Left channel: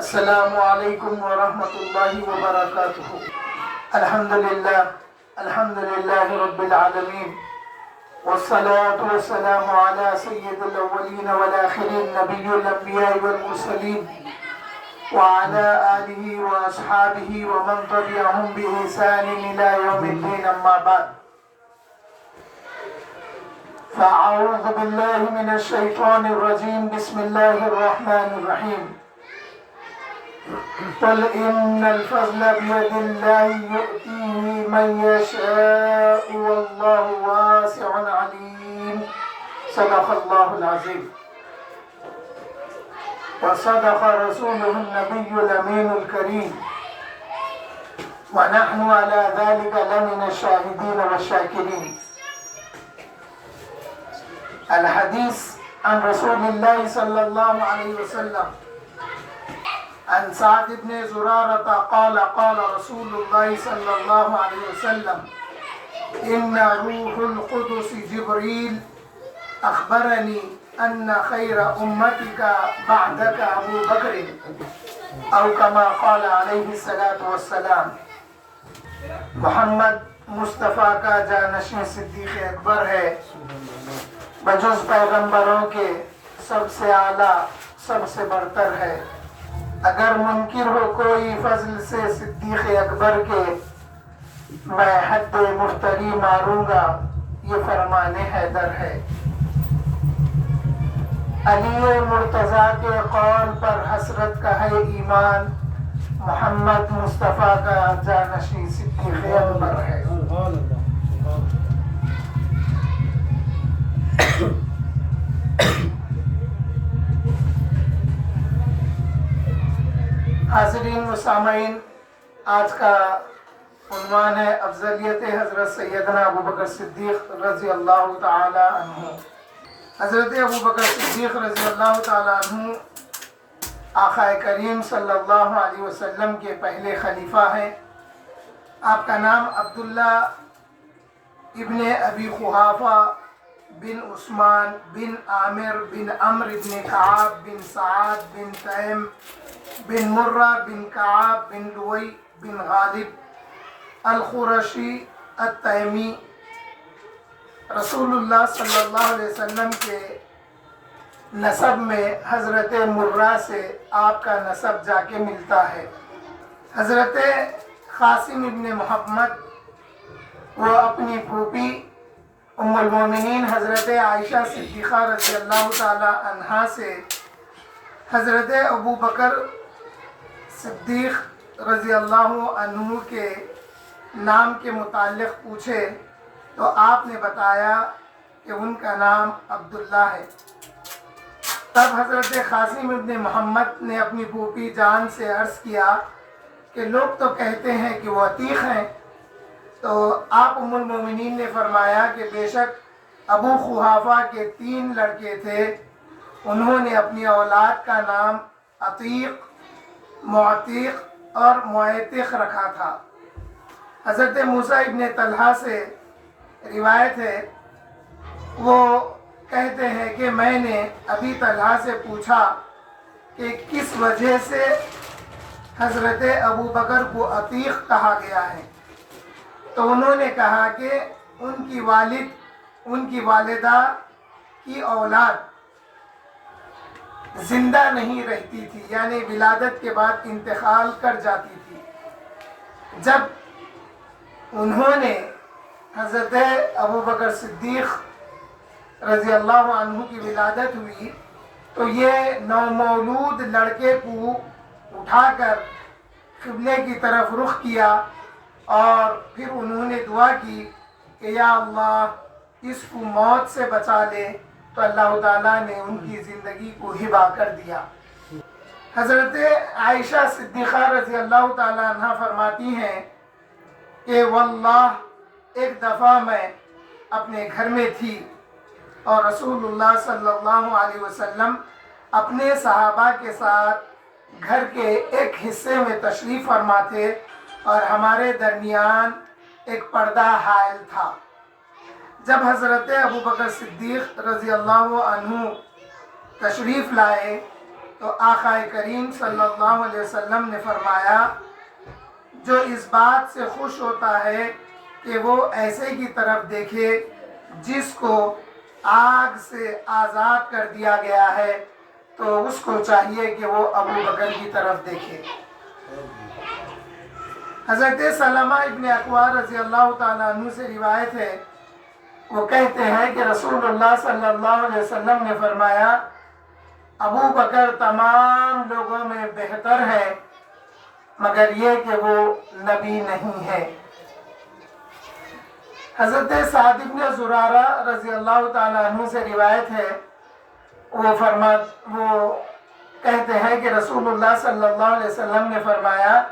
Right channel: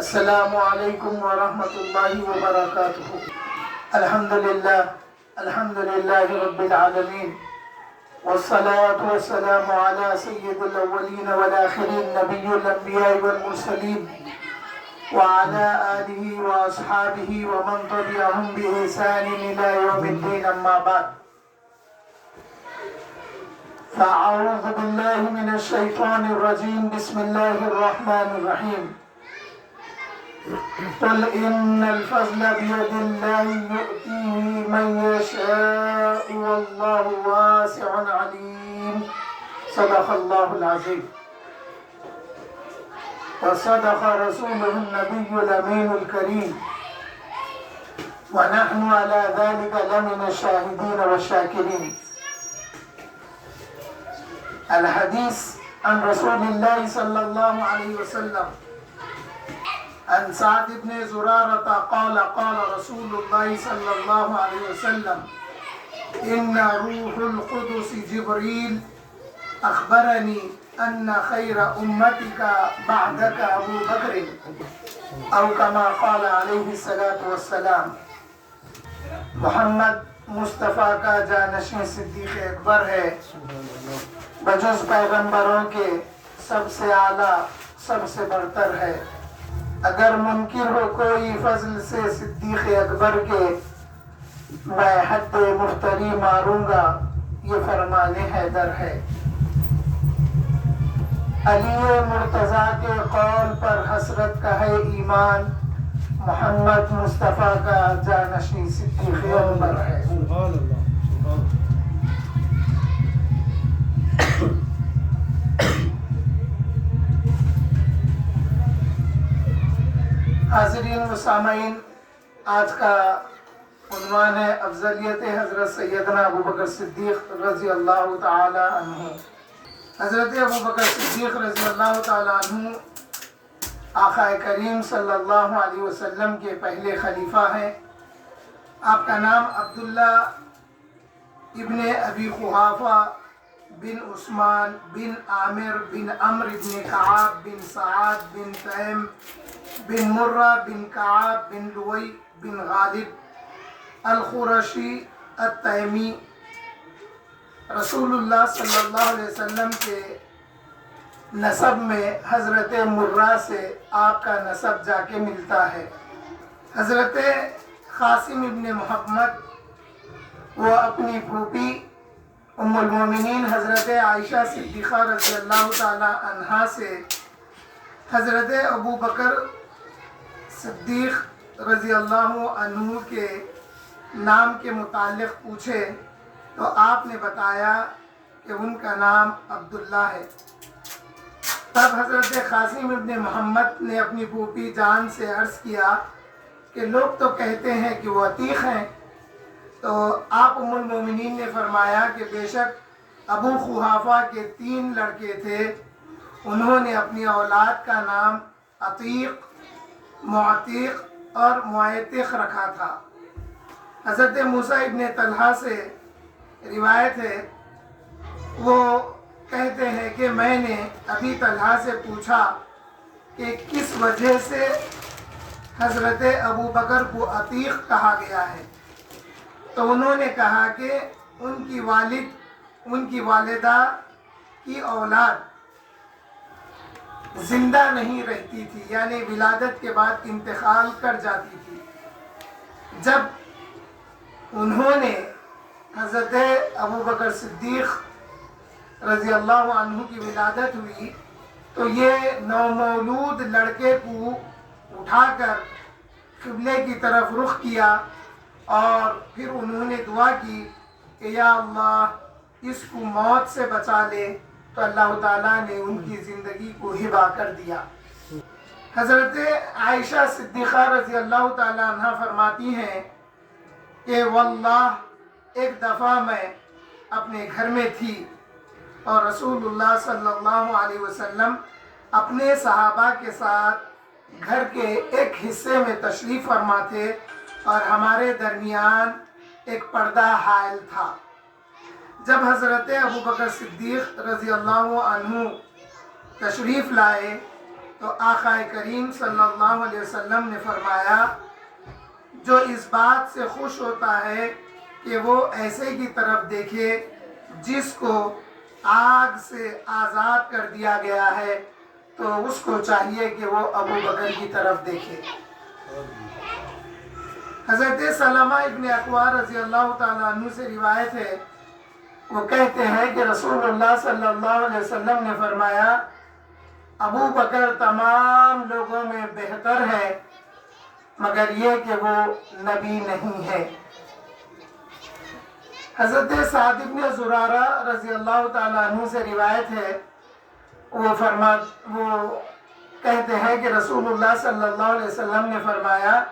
السلام علیکم ورحمۃ اللہ وبرکاتہ۔ الحمدللہ رب العالمین، والصلاة والسلام علی سید الاولین والآخرین، نبی الانبیاء والمرسلین، وعلى آلہ واصحابہ ومن تبعہم بإحسان الی یوم الدین، اما بعد فاعوذ باللہ من الشیطان الرجیم، بسم اللہ الرحمن الرحیم۔ قل إن الفضل بيد الله يؤتيه من يشاء والله واسع عليم، صدق الله العظيم وصدق رسوله النبي الأمين الكريم، ونحن على ذلك لمن الشاهدين والشاكرين۔ الحديث عن رسول الله صلى الله عليه وسلم عن سعد بن زرارة قال قال رسول الله صلى الله عليه وسلم إن روح القدس جبريل أخبرني أن خير أمتك بعدك أبو بكر، أو كما قال عليه الصلاة والسلام۔ محمد مصطفیٰ کا جانشین صدیق اکبر ہے، بجز پیغمبروں کے سب سے اعلیٰ، سب سے برتر ہے۔ اگر منکر ہو کوئی فضل سے صدیق اکبر کے، میں حد مفتری ماروں گا، یہ فرمان حیدر ہے۔ علی مرتضیٰ کے قول پر حسرت کا ہے ایمان، محمد مصطفیٰ کا جانشین صدیق اکبر ہے۔ حاضرین و سامعین، آج کا عنوان ہے افضلیت حضرت سیدنا ابو بکر صدیق رضی اللہ تعالی عنہ۔ حضرت ابو بکر صدیق رضی اللہ تعالی عنہ آقا کریم صلی اللہ علیہ وسلم کے پہلے خلیفہ ہیں۔ آپ کا نام عبداللہ ابن ابی قحافہ بن عثمان بن عامر بن عمرو بن کعب بن سعد بن تیم بن مرہ بن کعب بن لوئی بن غالب القرشی التیمی، رسول اللہ صلی اللہ علیہ وسلم کے نسب میں حضرت مرہ سے آپ کا نسب جا کے ملتا ہے۔ حضرت قاسم ابن محمد وہ اپنی پھوپھی ام المومنین حضرت عائشہ صدیقہ رضی اللہ تعالی عنہا سے حضرت ابو بکر صدیق رضی اللہ عنہ کے نام کے متعلق پوچھے تو آپ نے بتایا کہ ان کا نام عبداللہ ہے۔ تب حضرت قاسم ابن محمد نے اپنی پھوپھی جان سے عرض کیا کہ لوگ تو کہتے ہیں کہ وہ عتیق ہیں، تو آپ ام المومنین نے فرمایا کہ بے شک ابو قحافہ کے 3 لڑکے تھے، انہوں نے اپنی اولاد کا نام عتیق، معتیق اور معتق رکھا تھا۔ حضرت موسیٰ ابن طلحہ سے روایت ہے، وہ کہتے ہیں کہ میں نے ابی طلحہ سے پوچھا کہ کس وجہ سے حضرت ابو بکر کو عتیق کہا گیا ہے، تو انہوں نے کہا کہ ان کی والدہ کی اولاد زندہ نہیں رہتی تھی، یعنی ولادت کے بعد انتقال کر جاتی تھی۔ جب انہوں نے حضرت ابو بکر صدیق رضی اللہ عنہ کی ولادت ہوئی تو یہ نومولود لڑکے کو اٹھا کر قبلے کی طرف رخ کیا اور پھر انہوں نے دعا کی کہ یا اللہ اس کو موت سے بچا لے، تو اللہ تعالیٰ نے ان کی زندگی کو ہبا کر دیا۔ حضرت عائشہ صدیقہ رضی اللہ تعالیٰ عنہ فرماتی ہیں کہ واللہ ایک دفعہ میں اپنے گھر میں تھی اور رسول اللہ صلی اللہ علیہ وسلم اپنے صحابہ کے ساتھ گھر کے ایک حصے میں تشریف فرما تھے اور ہمارے درمیان ایک پردہ حائل تھا۔ جب حضرت ابو بکر صدیق رضی اللہ عنہ تشریف لائے تو آقا کریم صلی اللہ علیہ وسلم نے فرمایا جو اس بات سے خوش ہوتا ہے کہ وہ ایسے کی طرف دیکھے جس کو آگ سے آزاد کر دیا گیا ہے تو اس کو چاہیے کہ وہ ابو بکر کی طرف دیکھے۔ حضرت سلمہ ابن اکوع رضی اللہ تعالیٰ عنہ سے روایت ہے، وہ کہتے ہیں کہ رسول اللہ صلی اللہ علیہ وسلم نے فرمایا ابو بکر تمام لوگوں میں بہتر ہے مگر یہ کہ وہ نبی نہیں ہے۔ حضرت سعد بن زرارہ رضی اللہ تعالیٰ عنہ سے روایت ہے، وہ کہتے ہیں کہ رسول اللہ صلی اللہ علیہ وسلم نے فرمایا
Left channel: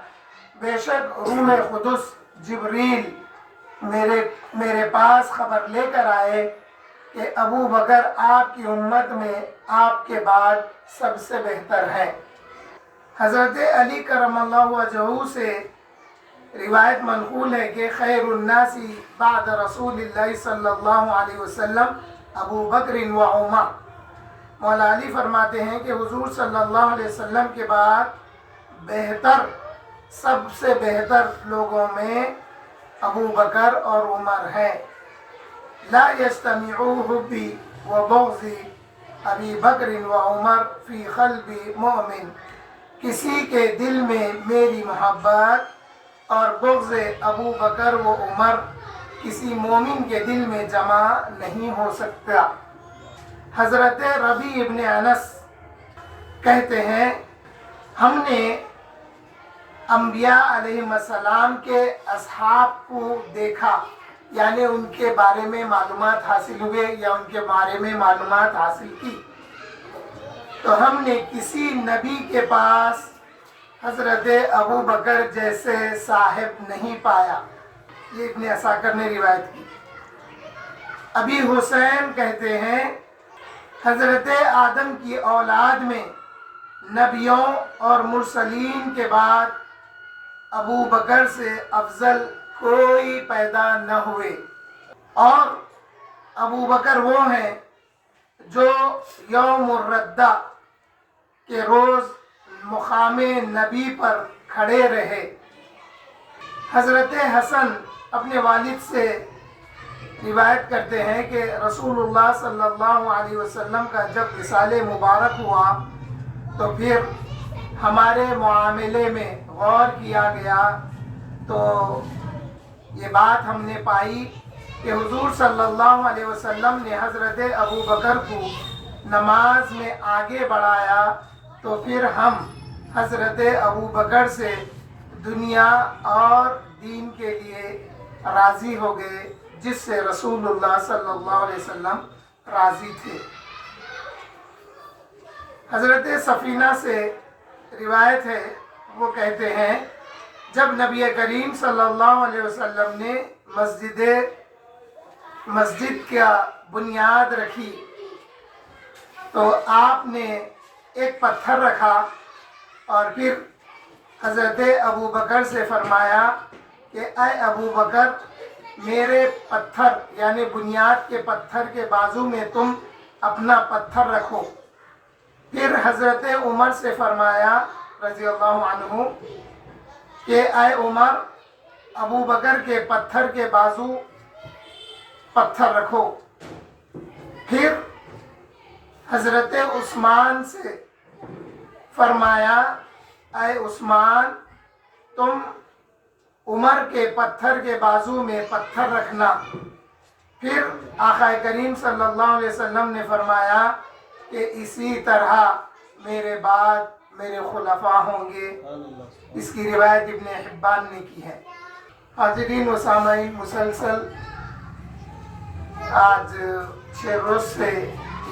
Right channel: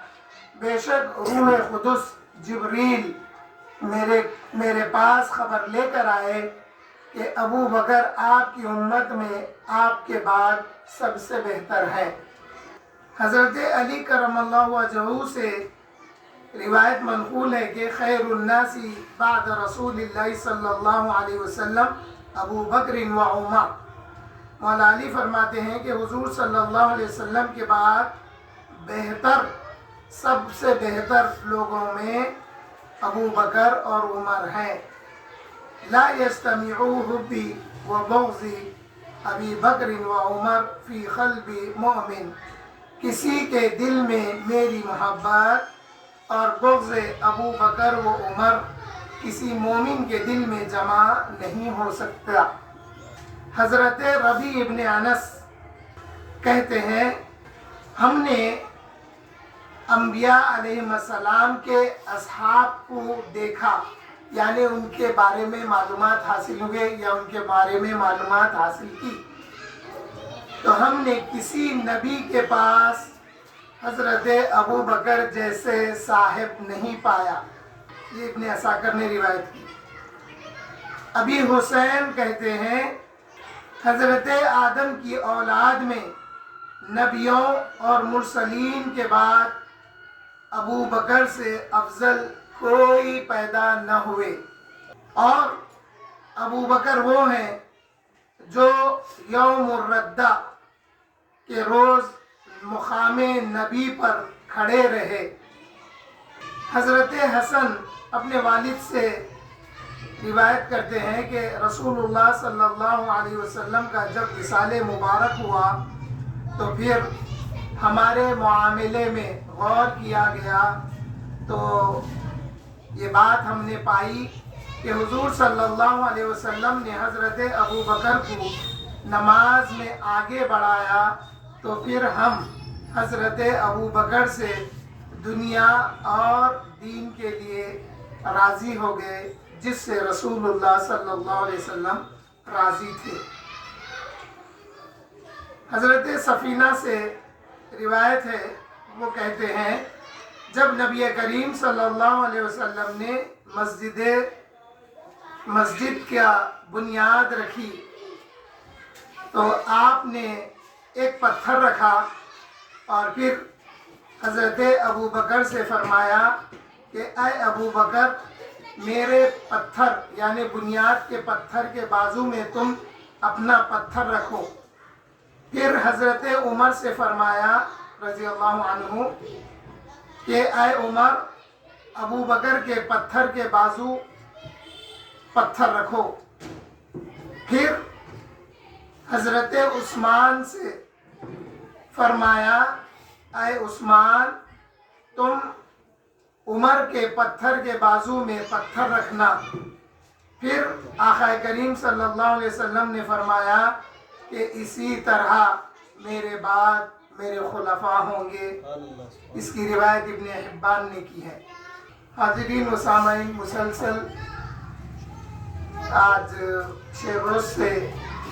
بے شک روح قدس جبریل میرے پاس خبر لے کر آئے کہ ابو بکر آپ کی امت میں آپ کے بعد سب سے بہتر ہے۔ حضرت علی کرم اللہ وجہہ سے روایت منقول ہے کہ خیر الناس بعد رسول اللہ صلی اللہ علیہ وسلم ابو بکر و عمر۔ مولا علی فرماتے ہیں کہ حضور صلی اللہ علیہ وسلم کے بعد سب سے بہتر لوگوں میں ابو بکر اور عمر ہیں۔ لا یجتمع حبی و بغضی ابی بکر و عمر فی قلب مومن، کسی کے دل میں میری محبت اور بغض ابو بکر و عمر کسی مومن کے دل میں جمع نہیں ہو سکتا۔ حضرت ربیع ابن انس کہتے ہیں ہم نے انبیاء علیہ السلام کے اصحاب کو دیکھا، یعنی ان کے بارے میں معلومات حاصل ہوئے یا ان کے بارے میں معلومات حاصل کی، تو ہم نے کسی نبی کے پاس حضرت ابو بکر جیسے صاحب نہیں پایا۔ یہ ابن عساکر نے روایت کی۔ ابی حسین کہتے ہیں حضرت آدم کی اولاد میں نبیوں اور مرسلین کے بعد ابو بکر سے افضل کوئی پیدا نہ ہوئے، اور ابو بکر وہ ہیں جو یوم الردہ کے روز مقام نبی پر کھڑے رہے۔ حضرت حسن اپنے والد سے روایت کرتے ہیں کہ رسول اللہ صلی اللہ علیہ وسلم کا جب وصال مبارک ہوا تو پھر ہمارے معاملے میں غور کیا گیا تو یہ بات ہم نے پائی کہ حضور صلی اللہ علیہ وسلم نے حضرت ابو بکر کو نماز میں آگے بڑھایا، تو پھر ہم حضرت ابو بکر سے دنیا اور دین کے لیے راضی ہو گئے، جس سے رسول اللہ صلی اللہ علیہ وسلم راضی تھے۔ حضرت سفینہ سے روایت ہے، وہ کہتے ہیں جب نبی کریم صلی اللہ علیہ وسلم نے مسجد کا بنیاد رکھی تو آپ نے ایک پتھر رکھا اور پھر حضرت ابو بکر سے فرمایا کہ اے ابو بکر میرے پتھر یعنی بنیاد کے پتھر کے بازو میں تم اپنا پتھر رکھو۔ پھر حضرت عمر سے فرمایا رضی اللہ عنہ کہ اے عمر ابو بکر کے پتھر کے بازو پتھر رکھو۔ پھر حضرت عثمان سے فرمایا اے عثمان تم عمر کے پتھر کے بازو میں پتھر رکھنا۔ پھر آقا کریم صلی اللہ علیہ وسلم نے فرمایا کہ اسی طرح میرے بعد میرے خلفاء ہوں گے۔ اس کی روایت ابن حبان نے کی ہے۔ حاضرین و سامعین، مسلسل آج 6 روز سے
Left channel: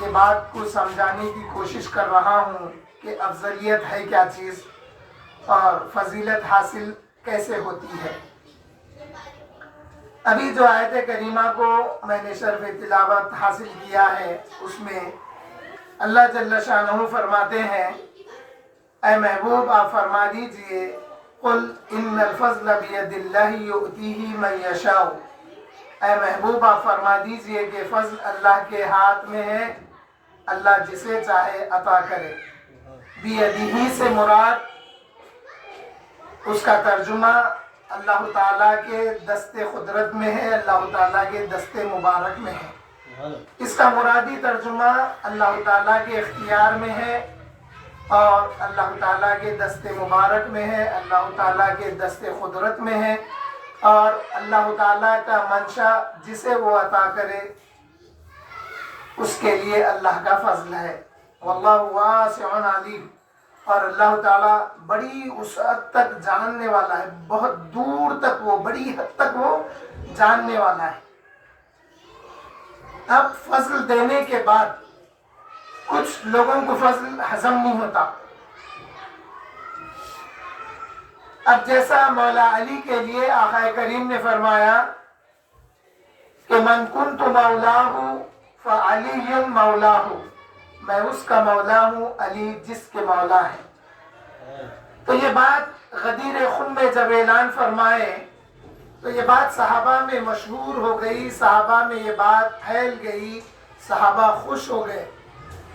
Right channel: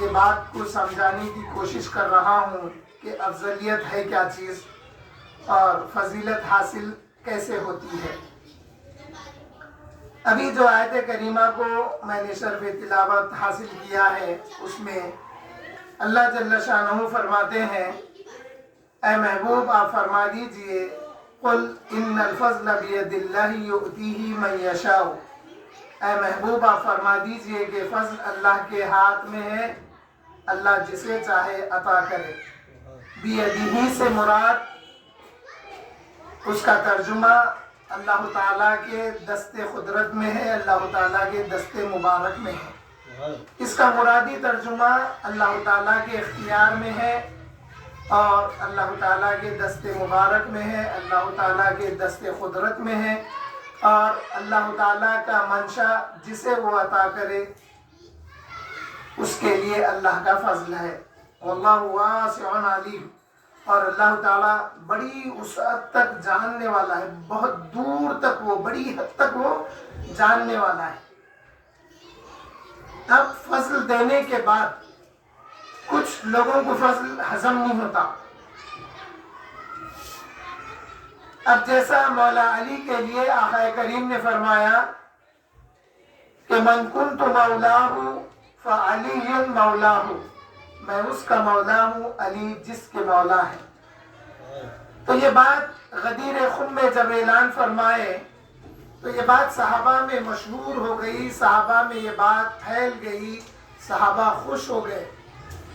یہ بات کو سمجھانے کی کوشش کر رہا ہوں کہ افضلیت ہے کیا چیز اور فضیلت حاصل کیسے ہوتی ہے۔ ابھی جو آیت کریمہ کو میں نے شرف تلاوت حاصل کیا ہے اس میں اللہ جل شانہ فرماتے ہیں اے محبوب آپ فرما دیجئے قل ان الفضل بید اللہ یؤتیہ من یشاء، اے محبوب آپ فرما دیجئے کہ فضل اللہ کے ہاتھ میں ہے، اللہ جسے چاہے عطا کرے۔ بیدہی سے مراد اس کا ترجمہ اللہ تعالیٰ کے دست قدرت میں ہے، اللہ تعالیٰ کے دست مبارک میں ہے۔ اس کا مرادی ترجمہ اللہ تعالیٰ کے اختیار میں ہے اور اللہ تعالیٰ کے دست مبارک میں ہے، اللہ تعالیٰ کے دست قدرت میں ہے، اور اللہ تعالیٰ کا منشا جسے وہ عطا کرے اس کے لیے اللہ کا فضل ہے۔ واللہ واسع علیم، اور اللہ تعالیٰ بڑی وسعت تک جاننے والا ہے، بہت دور تک وہ، بڑی حد تک وہ جاننے والا ہے۔ اب فضل دینے کے بعد کچھ لوگوں کو فضل ہضم نہیں ہوتا۔ اب جیسا مولا علی کے لیے آقا کریم نے فرمایا کہ من کنت مولاہ فعلی مولاہ، میں اس کا مولا ہوں، علی جس کے مولا ہے۔ تو یہ بات غدیر خم میں جب اعلان فرمائے تو یہ بات صحابہ میں مشہور ہو گئی، صحابہ میں یہ بات پھیل گئی، صحابہ خوش ہو گئے،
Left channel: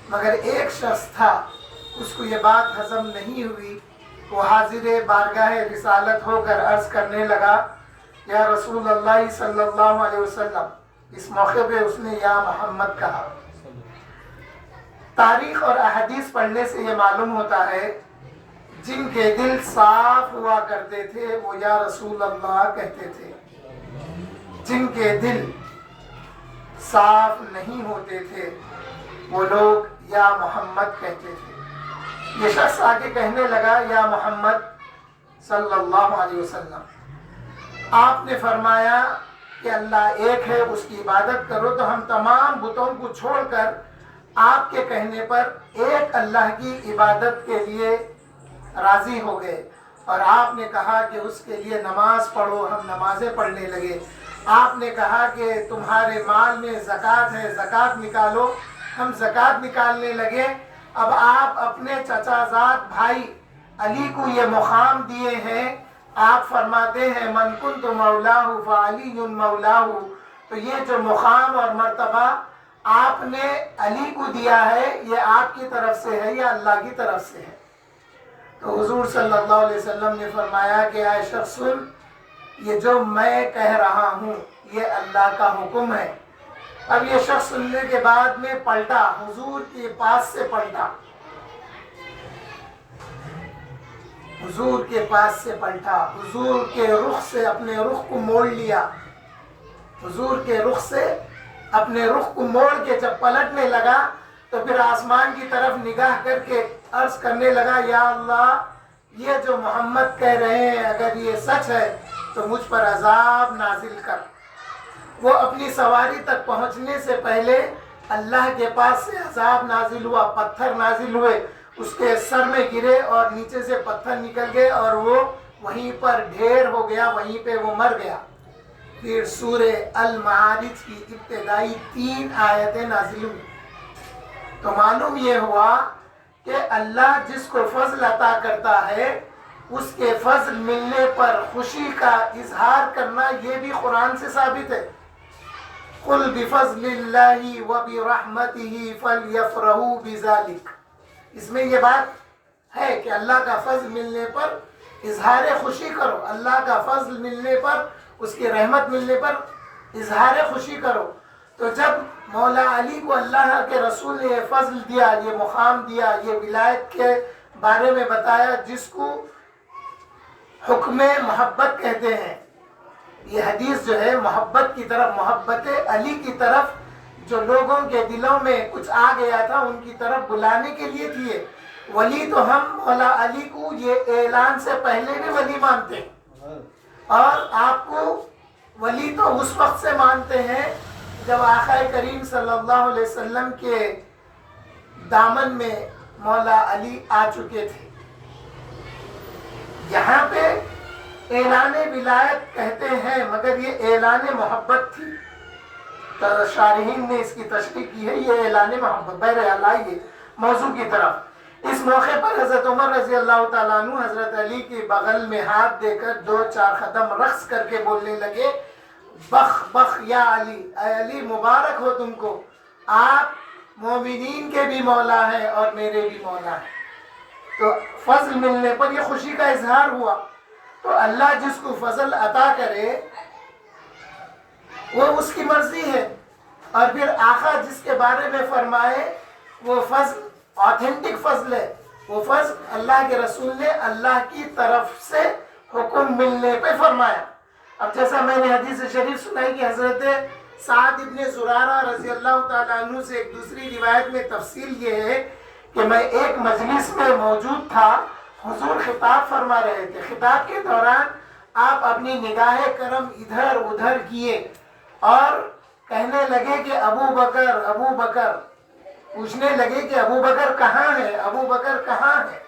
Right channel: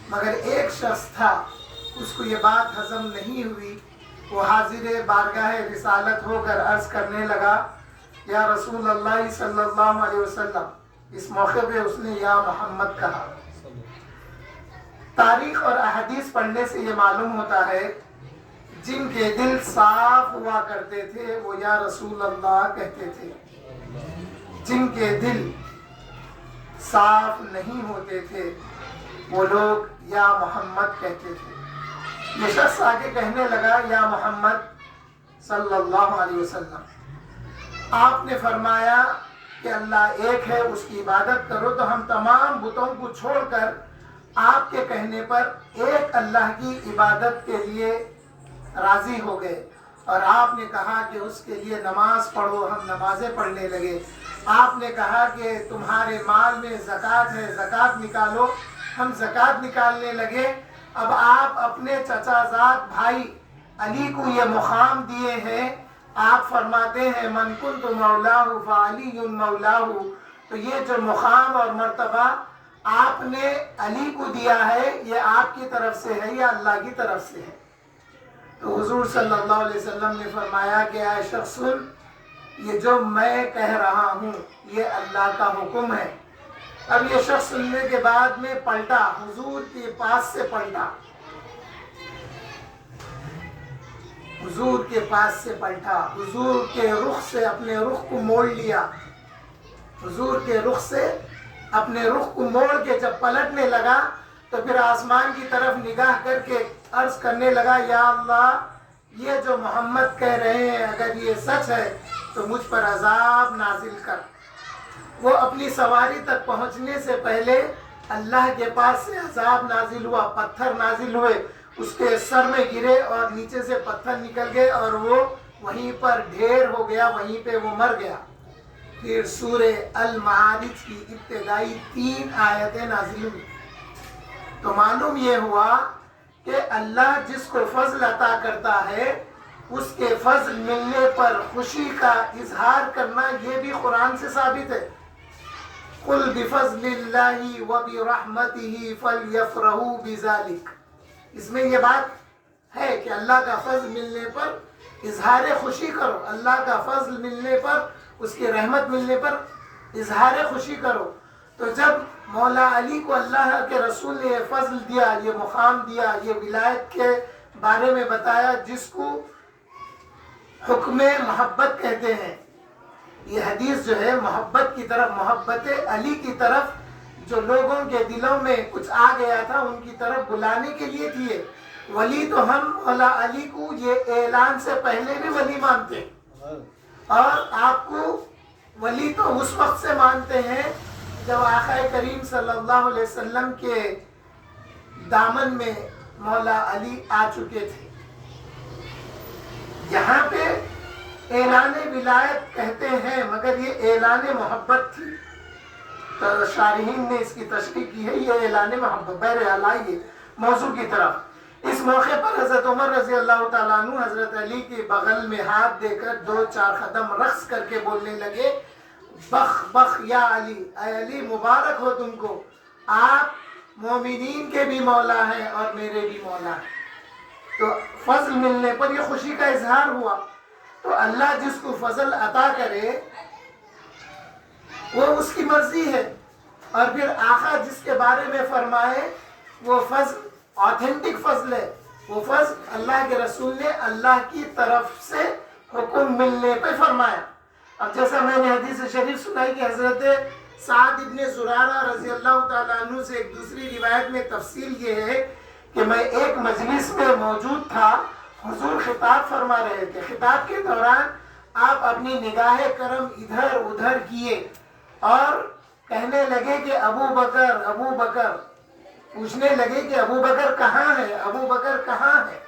مگر ایک شخص تھا اس کو یہ بات ہضم نہیں ہوئی۔ وہ حاضر بارگاہ رسالت ہو کر عرض کرنے لگا، یا رسول اللہ صلی اللہ علیہ وسلم۔ اس موقع پہ اس نے یا محمد کہا۔ تاریخ اور احادیث پڑھنے سے یہ معلوم ہوتا ہے جن کے دل صاف ہوا کرتے تھے وہ یا رسول اللہ کہتے تھے، جن کے دل صاف نہیں ہوتے تھے وہ لوگ یا محمد کہتے تھے۔ یہ شخص آگے کہنے لگا، یا محمد صلی اللہ علیہ وسلم، آپ نے فرمایا کہ اللہ ایک ہے، اس کی عبادت کرو، تو ہم تمام بتوں کو چھوڑ کر آپ کے کہنے پر ایک اللہ کی عبادت کے لیے راضی ہو گئے، اور آپ نے کہا کہ اس کے لیے نماز پڑھو، ہم نمازیں پڑھنے لگے۔ آپ نے کہا کہ تمہارے مال میں زکوٰۃ ہے، زکوٰۃ نکالو، ہم زکوٰۃ نکالنے لگے۔ اب آپ اپنے چچا زاد بھائی علی کو یہ مقام دیے ہیں، آپ فرماتے ہیں من کنت مولاہ فعلی مولاہ، تو یہ جو مقام اور مرتبہ آپ نے علی کو دیا ہے یہ آپ کی طرف سے ہے یا اللہ کی طرف سے ہے؟ تو حضور صلی اللہ علیہ وسلم نے فرمایا کہ اے شخص سن، یہ جو میں کہہ رہا ہوں یہ اللہ کا حکم ہے۔ اب یہ شخص سننے کے بعد میں پلٹا، حضور کے پاس سے پلٹا، حضور کے پاس سے پلٹا، حضور کے رخ سے اپنے رخ کو موڑ لیا، حضور کے رخ سے اپنے رخ کو موڑ کے جب پلٹنے لگا تو پھر آسمان کی طرف نگاہ کر کے عرض کرنے لگا، یا اللہ یہ جو محمد کہہ رہے ہیں اگر یہ سچ ہے تو مجھ پر عذاب نازل کر۔ وہ اپنی سواری تک پہنچنے سے پہلے اللہ کے پاس سے عذاب نازل ہوا، پتھر نازل ہوئے، اس کے سر میں گرے اور نیچے سے پتھر نکل گئے اور وہ وہیں پر ڈھیر ہو گیا، وہیں پہ وہ مر گیا۔ پھر سورہ المعارج کی ابتدائی 3 آیتیں نازل ہوئی۔ تو معلوم یہ ہوا کہ اللہ جس کو فضل عطا کرتا ہے اس کے فضل ملنے پر خوشی کا اظہار کرنا یہ بھی قرآن سے ثابت ہے۔ قُلْ بِفَضْلِ اللَّهِ وَبِرَحْمَتِهِ فَلْيَفْرَحُوا بِذَلِكَ، اس میں یہ بات ہے کہ اللہ کا فضل ملنے پر اظہار خوشی کرو، اللہ کا فضل ملنے پر، اس کی رحمت ملنے پر اظہار خوشی کرو۔ تو جب مولا علی کو اللہ کے رسول نے یہ فضل دیا، یہ مقام دیا، یہ ولایت کے بارے میں بتایا جس کو حکم محبت کہتے ہیں، یہ حدیث جو ہے محبت کی طرف، محبت علی کی طرف جو لوگوں کے دلوں میں کچھ آ گیا تھا ان کی طرف بلانے کے لیے تھی۔ ولی تو ہم مولا علی کو یہ اعلان سے پہلے بھی ولی مانتے ہیں، اور آپ کو ولی تو اس وقت سے مانتے ہیں جب آقا کریم صلی اللہ علیہ وسلم کے دامن میں مولا علی آ چکے تھے۔ یہاں پہ اعلان ولایت کہتے ہیں مگر یہ اعلان محبت تھی۔ تو شارحین نے اس کی تشریح کی ہے، یہ اعلان محبت۔ بہرحال آئیے موضوع کی طرف۔ اس موقع پر حضرت عمر رضی اللہ تعالیٰ عنہ حضرت علی کے بغل میں ہاتھ دے کر 2-4 قدم رقص کر کے بولنے لگے، بخ بخ یا علی، اے علی مبارک ہو تم کو، آپ مومنین کے بھی مولا ہیں اور میرے بھی مولا ہیں۔ تو فضل ملنے پر یہ خوشی کا اظہار ہوا. تو اللہ جس کو فضل عطا کرے وہ اس کی مرضی ہے. اور پھر آقا جس کے بارے میں فرمائے وہ فضل آتھینٹک فضل ہے. وہ فضل اللہ کے رسول نے اللہ کی طرف سے حکم ملنے پہ فرمایا. اب جیسا میں نے حدیث شریف سنائی کہ حضرت سعد ابن زرارہ رضی اللہ تعالیٰ عنہ سے ایک دوسری روایت میں تفصیل یہ ہے کہ میں ایک مجلس میں موجود تھا. حضور خطاب فرما رہے تھے. خطاب کے دوران آپ اپنی نگاہ کرم ادھر ادھر کیے اور کہنے لگے کہ ابو بکر ابو بکر. پوچھنے لگے کہ ابو بکر کہاں ہے, ابو بکر کہاں ہے.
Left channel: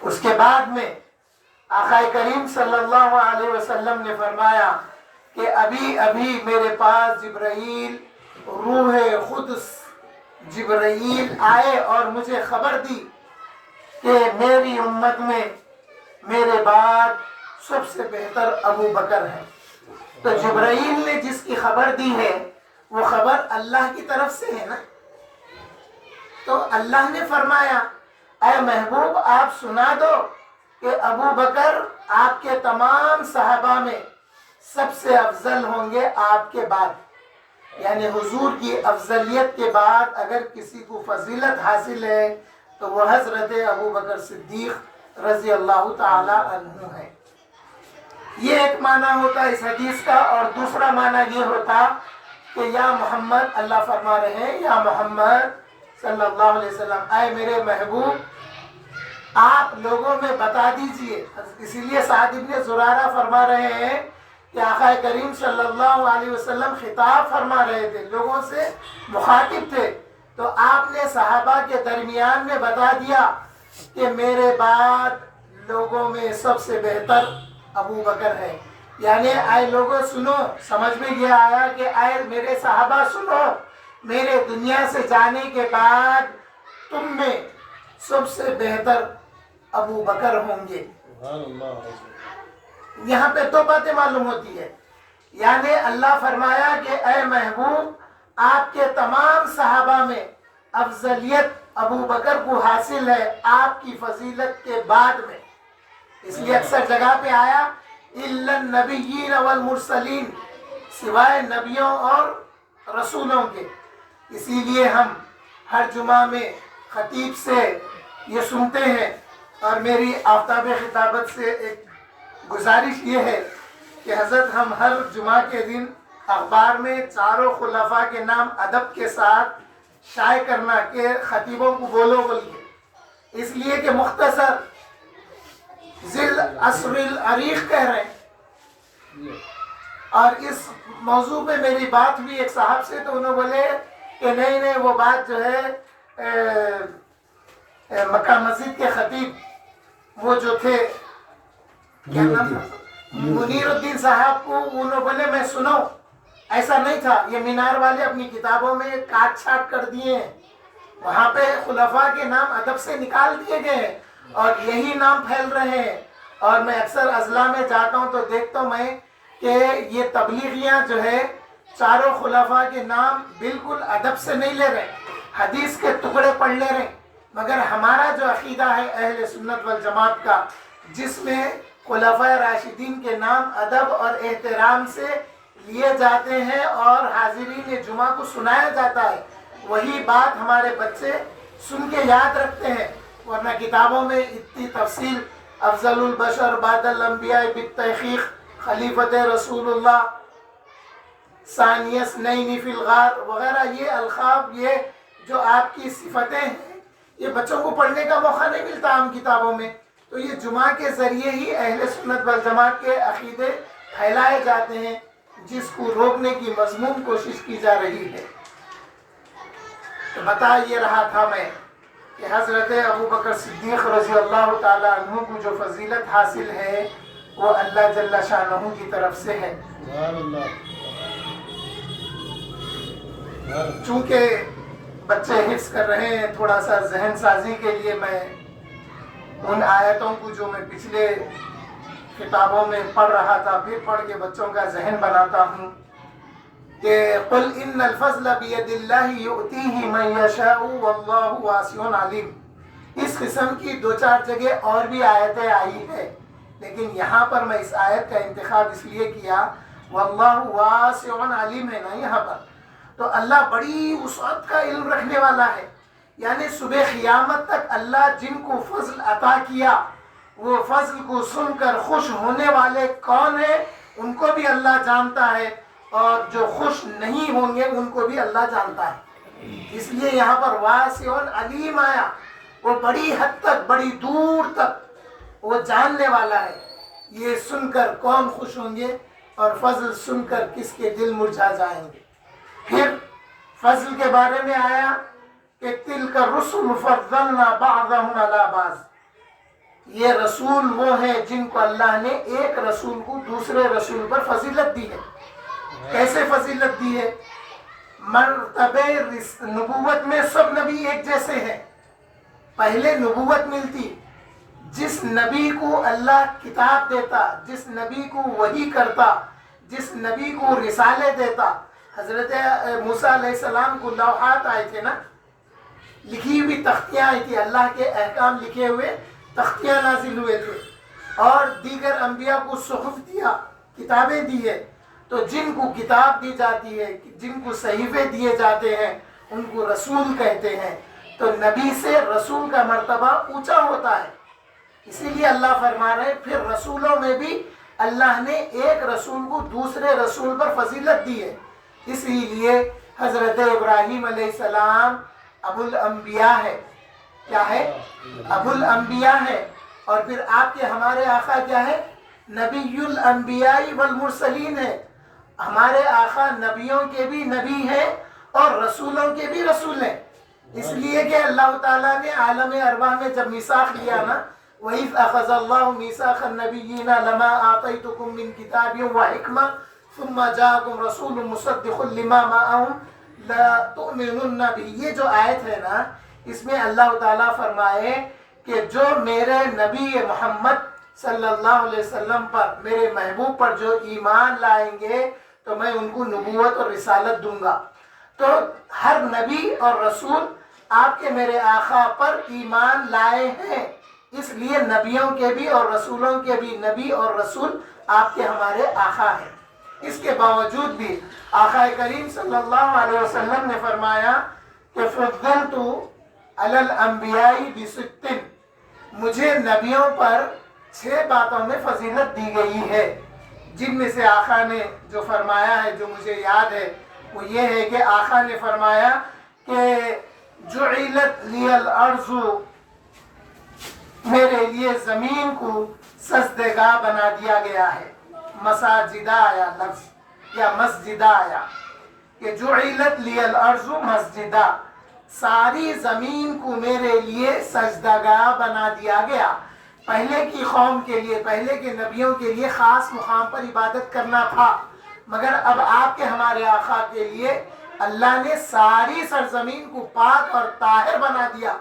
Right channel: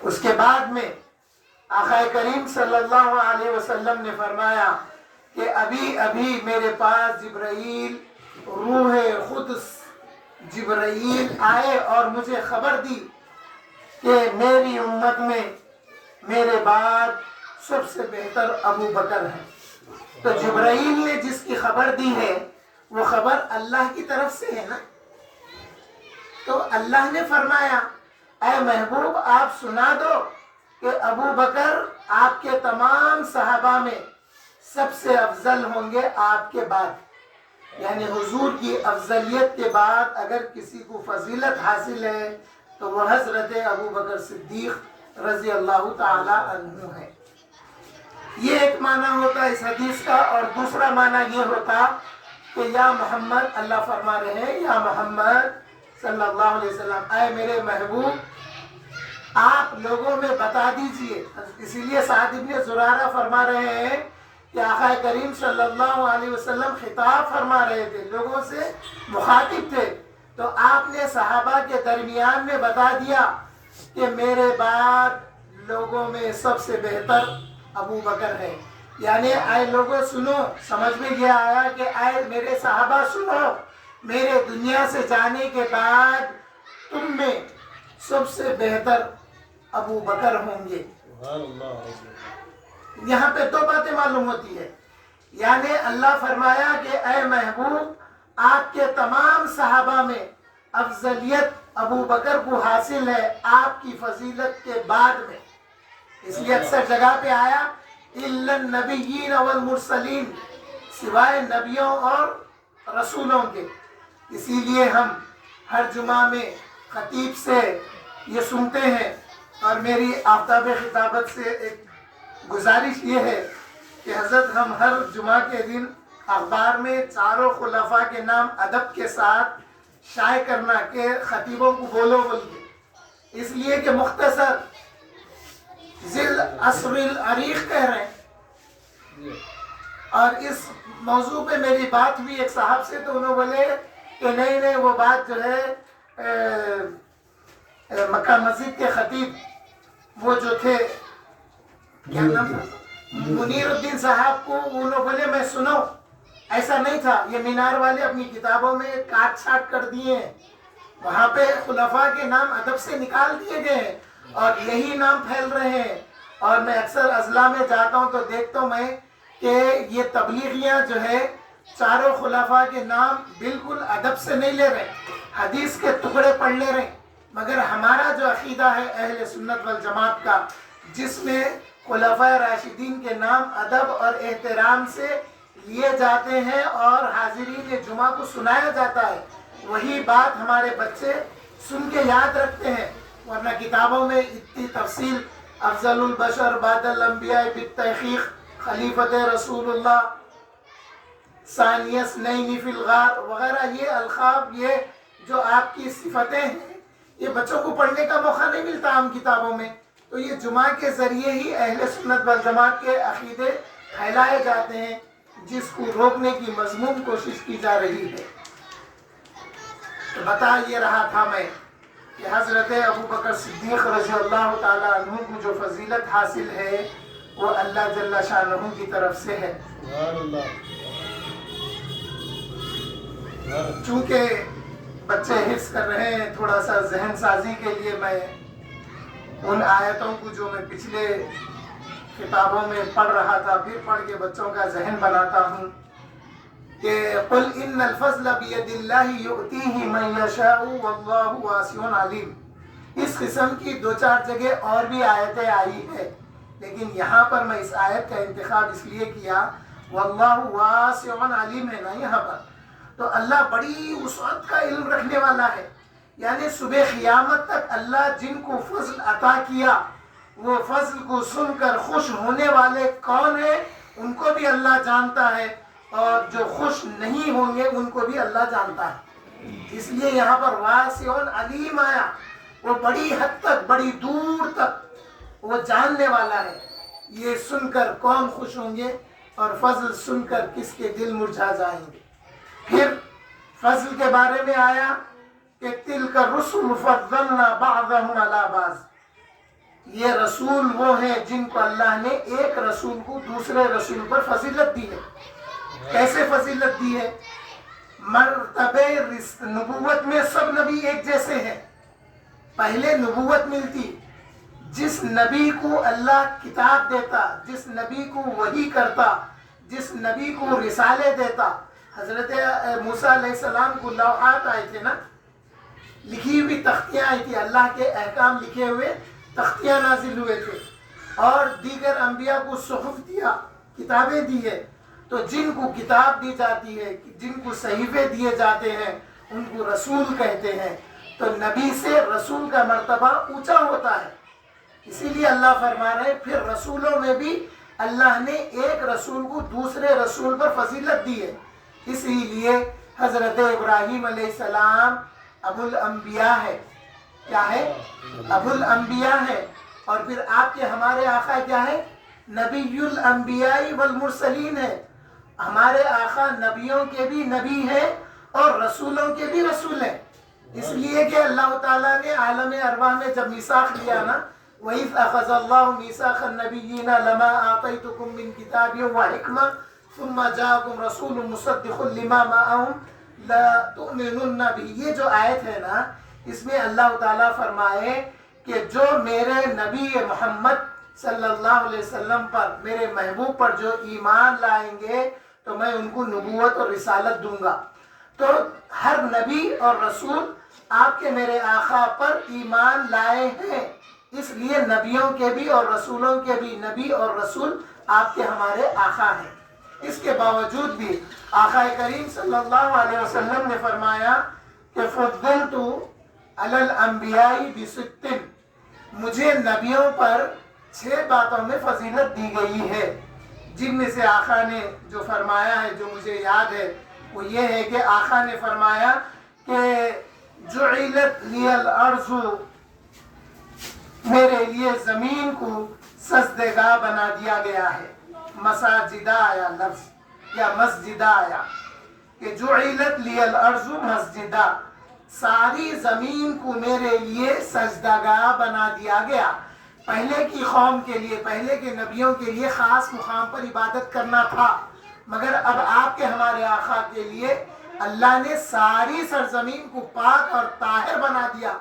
اس کے بعد میں آقا کریم صلی اللہ علیہ وسلم نے فرمایا کہ ابھی ابھی میرے پاس جبرائیل روح قدس جبرائیل آئے اور مجھے خبر دی کہ میری امت میں میرے بعد سب سے بہتر ابو بکر ہے. تو جبرائیل نے جس کی خبر دی ہے وہ خبر اللہ کی طرف سے ہے نا. تو اللہ نے فرمایا اے محبوب آپ سنا دو کہ ابو بکر آپ کے تمام صحابہ میں سب سے افضل ہوں گے آپ کے بعد. یعنی حضور کی افضلیت کے بعد اگر کسی کو فضیلت حاصل ہے تو وہ حضرت ابو بکر صدیق رضی اللہ تعالی عنہ ہے. یہ ایک معنی ہوتا اس حدیث کا. اور دوسرا معنی یہ ہوتا کہ یا محمد, اللہ فرما رہے ہیں یا محمد صلی اللہ علیہ وسلم, اے میرے محبوب آپ لوگوں میں بتا دیجئے. اسی لیے سعد ابن زرارہ فرما رہے ہیں کہ آقا کریم صلی اللہ علیہ وسلم خطاب فرما رہے تھے, لوگوں سے مخاطب تھے. تو آپ نے صحابہ کے درمیان میں بتا دیا کہ میرے بعد لوگوں میں سب سے بہتر ابو بکر ہے. یعنی اے لوگوں سنو, سمجھ میں یہ آیا کہ اے میرے صحابہ سنو, میرے دنیا سے جانے کے بعد تم میں سب سے بہتر ابو بکر ہوں گے. یہاں پہ دو باتیں معلوم ہوتی ہے. یعنی اللہ فرمایا کہ اے محبوب آپ کے تمام صحابہ میں افضلیت ابو بکر کو حاصل ہے آپ کی فضیلت کے بعد میں. اس لیے اکثر جگہ پہ آیا الا النبیین والمرسلین, سوائے نبیوں اور رسولوں کے. اسی لیے ہم ہر جمعہ میں خطیب سے یہ سنتے ہیں. اور میری آفتاب خطابت سے ایک گزارش یہ ہے کہ حضرت ہم ہر جمعہ کے دن اخبار میں چاروں خلفاء کے نام ادب کے ساتھ شائع کرنا کہ خطیبوں کو بولو بولیے, اس لیے کہ مختصر ذل عصر العریق کہہ رہے ہیں. اور اس موضوع پہ میری بات ہوئی ایک صاحب سے, تو انہوں بولے کہ نہیں وہ بات جو ہے مکہ مسجد کے خطیب وہ جو تھے کیا نام تھا, منیر الدین صاحب کو, انہوں بولے میں سنو ایسا نہیں تھا, یہ مینار والے اپنی کتابوں میں کاٹ چھاٹ کر دیے ہیں, وہاں پہ خلفاء کے نام ادب سے نکال دیے گئے ہیں اور یہی نام پھیل رہے ہیں. اور میں اکثر اضلاع میں جاتا ہوں تو دیکھتا ہوں میں کہ یہ تبلیغیاں جو ہے چاروں خلفاء کے نام بالکل ادب سے نہیں لے رہے, حدیث کے ٹکڑے پڑھ لے رہے. مگر ہمارا جو عقیدہ ہے اہل سنت والجماعت کا, جس میں خلفاء راشدین کے نام ادب اور احترام سے لیے جاتے ہیں اور حاضرین جمعہ کو سنایا جاتا ہے, وہی بات ہمارے بچے سن کے یاد رکھتے ہیں. ورنہ کتابوں میں اتنی تفصیل افضل البشر بعد الانبیاء بالتحقیق خلیفت رسول اللہ ثانیس نئی فی الغار وغیرہ یہ القاب, یہ جو آپ کی صفتیں ہیں, یہ بچوں کو پڑھنے کا موقع نہیں ملتا عام کتابوں میں. تو یہ جمعہ کے ذریعے ہی اہل سنت والجماعت کے عقیدے پھیلائے جاتے ہیں, جس کو روکنے کی مضمون کوشش کی جا رہی ہے. تو بتا یہ رہا تھا میں کہ حضرت ابو بکر صدیق رضی اللہ تعالی عنہ کو جو فضیلت حاصل ہے وہ اللہ جل شانہ کی طرف سے ہے. چونکہ بچے حفظ کر رہے ہیں, تھوڑا سا ذہن سازی کے لیے میں ان آیتوں کو جو میں پچھلے کتابوں میں پڑھ رہا تھا پھر پڑھ کے بچوں کا ذہن بناتا ہوں کہ قل ان الفضل بید اللہ یؤتیہ من یشاء واللہ واسع علیم. اس قسم کی 2-4 جگہ اور بھی آیتیں آئی ہے، لیکن یہاں پر میں اس آیت کا انتخاب اس لیے کیا، واللہ واسع علیم ہے نا یہاں پر، تو اللہ بڑی وسعت کا علم رکھنے والا ہے، یعنی صبح قیامت تک اللہ جن کو فضل عطا کیا وہ فضل کو سن کر خوش ہونے والے کون ہیں ان کو بھی اللہ جانتا ہے، اور جو خوش نہیں ہوں گے ان کو بھی اللہ جانتا ہے۔ اس لیے یہاں پر واسع علیم آیا، وہ بڑی حد تک، بڑی دور تک وہ جاننے والا ہے، یہ سن کر کون خوش ہوں گے اور فضل سن کر کس کے دل مرجھا جائیں گے۔ پھر فضل کے بارے میں آیا کہ تلک الرسل فضلنا بعضهم علی بعض، یہ رسول وہ ہیں جن کو اللہ نے ایک رسول کو دوسرے رسول پر فضیلت دی ہے۔ کیسے فضیلت دی ہے؟ مرتبہ نبوت میں سب نبی ایک جیسے ہیں، پہلے نبوت ملتی، جس نبی کو اللہ کتاب دیتا، جس نبی کو وحی کرتا، جس نبی کو رسالے دیتا، حضرت موسیٰ علیہ السلام کو لوحات آئے تھے نا، لکھی ہوئی تختیاں آئی تھی، اللہ کے احکام لکھے ہوئے تختیاں نازل ہوئے تھے، اور دیگر انبیاء کو صحف دیا، کتابیں دی ہے، تو جن کو کتاب دی جاتی ہے، جن کو صحیفے دیے جاتے ہیں ان کو رسول کہتے ہیں، تو نبی سے رسول کا مرتبہ اونچا ہوتا ہے۔ اسی لیے اللہ فرما رہے پھر رسولوں میں بھی اللہ نے ایک رسول کو دوسرے رسول پر فضیلت دی ہے، اسی لیے حضرت ابراہیم علیہ السلام ابو الانبیاء ہے، کیا ہے؟ ابو الانبیاء ہے، اور پھر آپ کے ہمارے آقا کیا ہے؟ نبی الانبیاء والمرسلین ہے، ہمارے آقا نبیوں کے بھی نبی ہیں اور رسولوں کے بھی رسول ہیں، اس لیے کہ اللہ تعالیٰ نے عالم ارواح میں جب میثاق لیا نا، وَإِذْ أَخَذَ اللَّهُ مِيثَاقَ النَّبِيِّينَ لَمَا آتَيْتُكُم مِّن كِتَابٍ وَحِكْمَةٍ ثُمَّ جَاءَكُمْ رَسُولٌ مُصَدِّقٌ لِّمَا مَعَهُمْ لَتُؤْمِنُنَّ بِهِ، یہ جو آیت ہے نا، اس میں اللہ تعالیٰ فرمائے کہ جو میرے نبی محمد صلی اللہ علیہ وسلم پر، میرے محبوب پر جو ایمان لائیں گے تو میں ان کو نبوت اور رسالت دوں گا۔ تو ہر نبی اور رسول آپ کے میرے آقا پر ایمان لائے ہیں، اس لیے نبیوں کے بھی اور رسولوں کے بھی نبی اور رسول آپ کے ہمارے آقا ہیں۔ اس کے باوجود بھی آقا کریم صلی اللہ علیہ وسلم نے فرمایا کہ فضلت علی الانبیاء بست، مجھے نبیوں پر 6 باتوں میں فضیلت دی گئی ہے، جن میں سے آقا نے جو فرمایا ہے جو مجھے یاد ہے وہ یہ ہے کہ آقا نے فرمایا کہ جعلت لی الارض، میرے لیے زمین کو سجدگاہ بنا دیا گیا ہے، مساجدہ آیا لفظ یا مسجدہ آیا کہ جعلت لی الارض مسجدہ، ساری زمین کو میرے لیے سجدگاہ بنا دیا گیا۔ پہلے کی قوم کے لیے، پہلے کے نبیوں کے لیے خاص مقام پر عبادت کرنا تھا، مگر اب آپ کے ہمارے آقا کے لیے اللہ نے ساری سرزمین کو پاک اور طاہر بنا دیا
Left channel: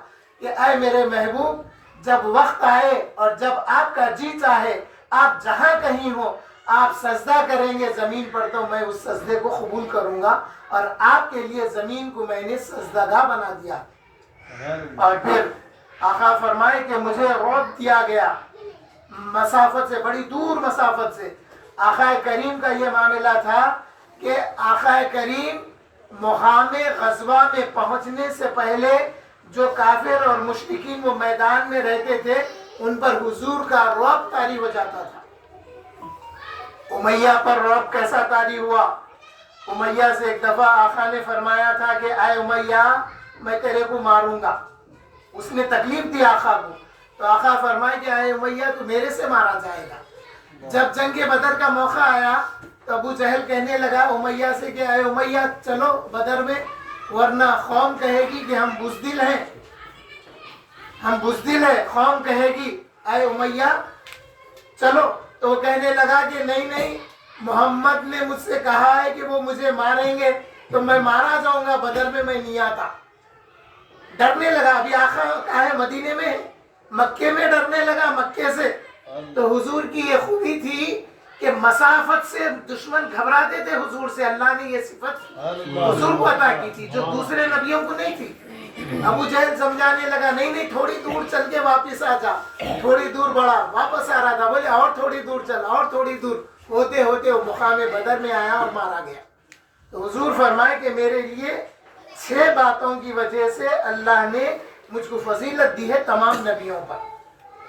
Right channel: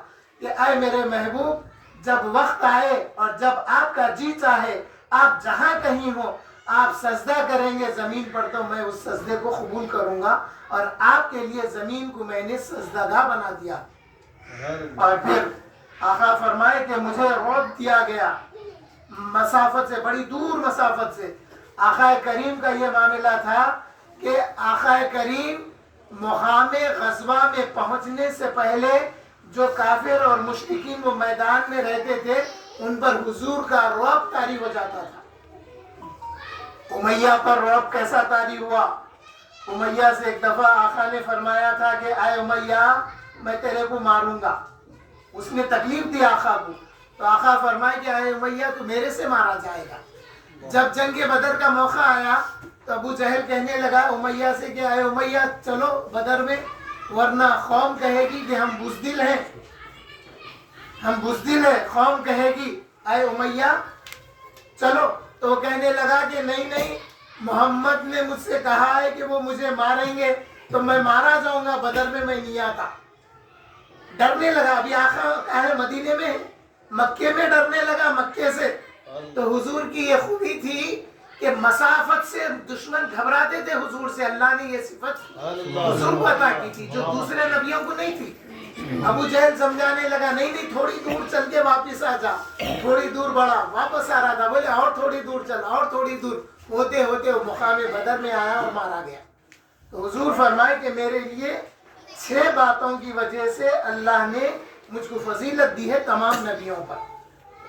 کہ اے میرے محبوب، جب وقت آئے اور جب آپ کا جی چاہے آپ جہاں کہیں ہو آپ سجدہ کریں گے زمین پر تو میں اس سجدے کو قبول کروں گا، اور آپ کے لیے زمین کو میں نے سجدگاہ بنا دیا۔ اور پھر آقا فرمائے کہ مجھے روک دیا گیا مسافت سے، بڑی دور مسافت سے۔ آقا کریم کا یہ معاملہ تھا کہ آقا کریم مقام غزوہ میں پہنچنے سے پہلے جو کافر اور مشرکین وہ میدان میں رہتے تھے ان پر حضور کا رعب طاری ہو جاتا تھا۔ امیہ پر رعب کیسا طاری ہوا؟ امیہ سے ایک دفعہ آقا نے فرمایا تھا کہ اے امیہ میں تیرے کو ماروں گا، اس نے تکلیف دی آقا کو، تو آقا فرمائے کہ اے امیہ تو میرے سے مارا جائے گا۔ جب جنگ بدر کا موقع آیا تو ابو جہل کہنے لگا امیہ سے کہ اے امیہ چلو بدر میں، ورنہ قوم کہے گی کہ ہم بزدل ہیں، ہم بزدل ہیں، قوم کہے گی اے امیہ چلو۔ تو وہ کہنے لگا کہ نہیں نہیں، محمد نے مجھ سے کہا ہے کہ وہ مجھے ماریں گے تو میں مارا جاؤں گا، بدر میں میں نہیں آتا۔ ڈرنے لگا، ابھی آقا کہا ہے مدینے میں، مکے میں ڈرنے لگا مکے سے۔ تو حضور کی یہ خوبی تھی کہ مسافت سے دشمن گھبراتے تھے حضور سے، اللہ نے یہ صفت حضور کو عطا کی تھی جو دوسرے نبیوں کو نہیں تھی۔ ابو جہل سمجھانے لگا نہیں نہیں تھوڑی دور چل کے واپس آ جا. تھوڑی دور بڑھا, واپس آ رہا تھا, بولے اور تھوڑی دور چل, اور تھوڑی دور, ہوتے ہوتے وہ مقام بدر میں آیا اور مارا گیا. تو حضور فرمائے کہ میرے لیے 6 باتوں کی وجہ سے اللہ نے مجھ کو فضیلت دی ہے تمام نبیوں پر.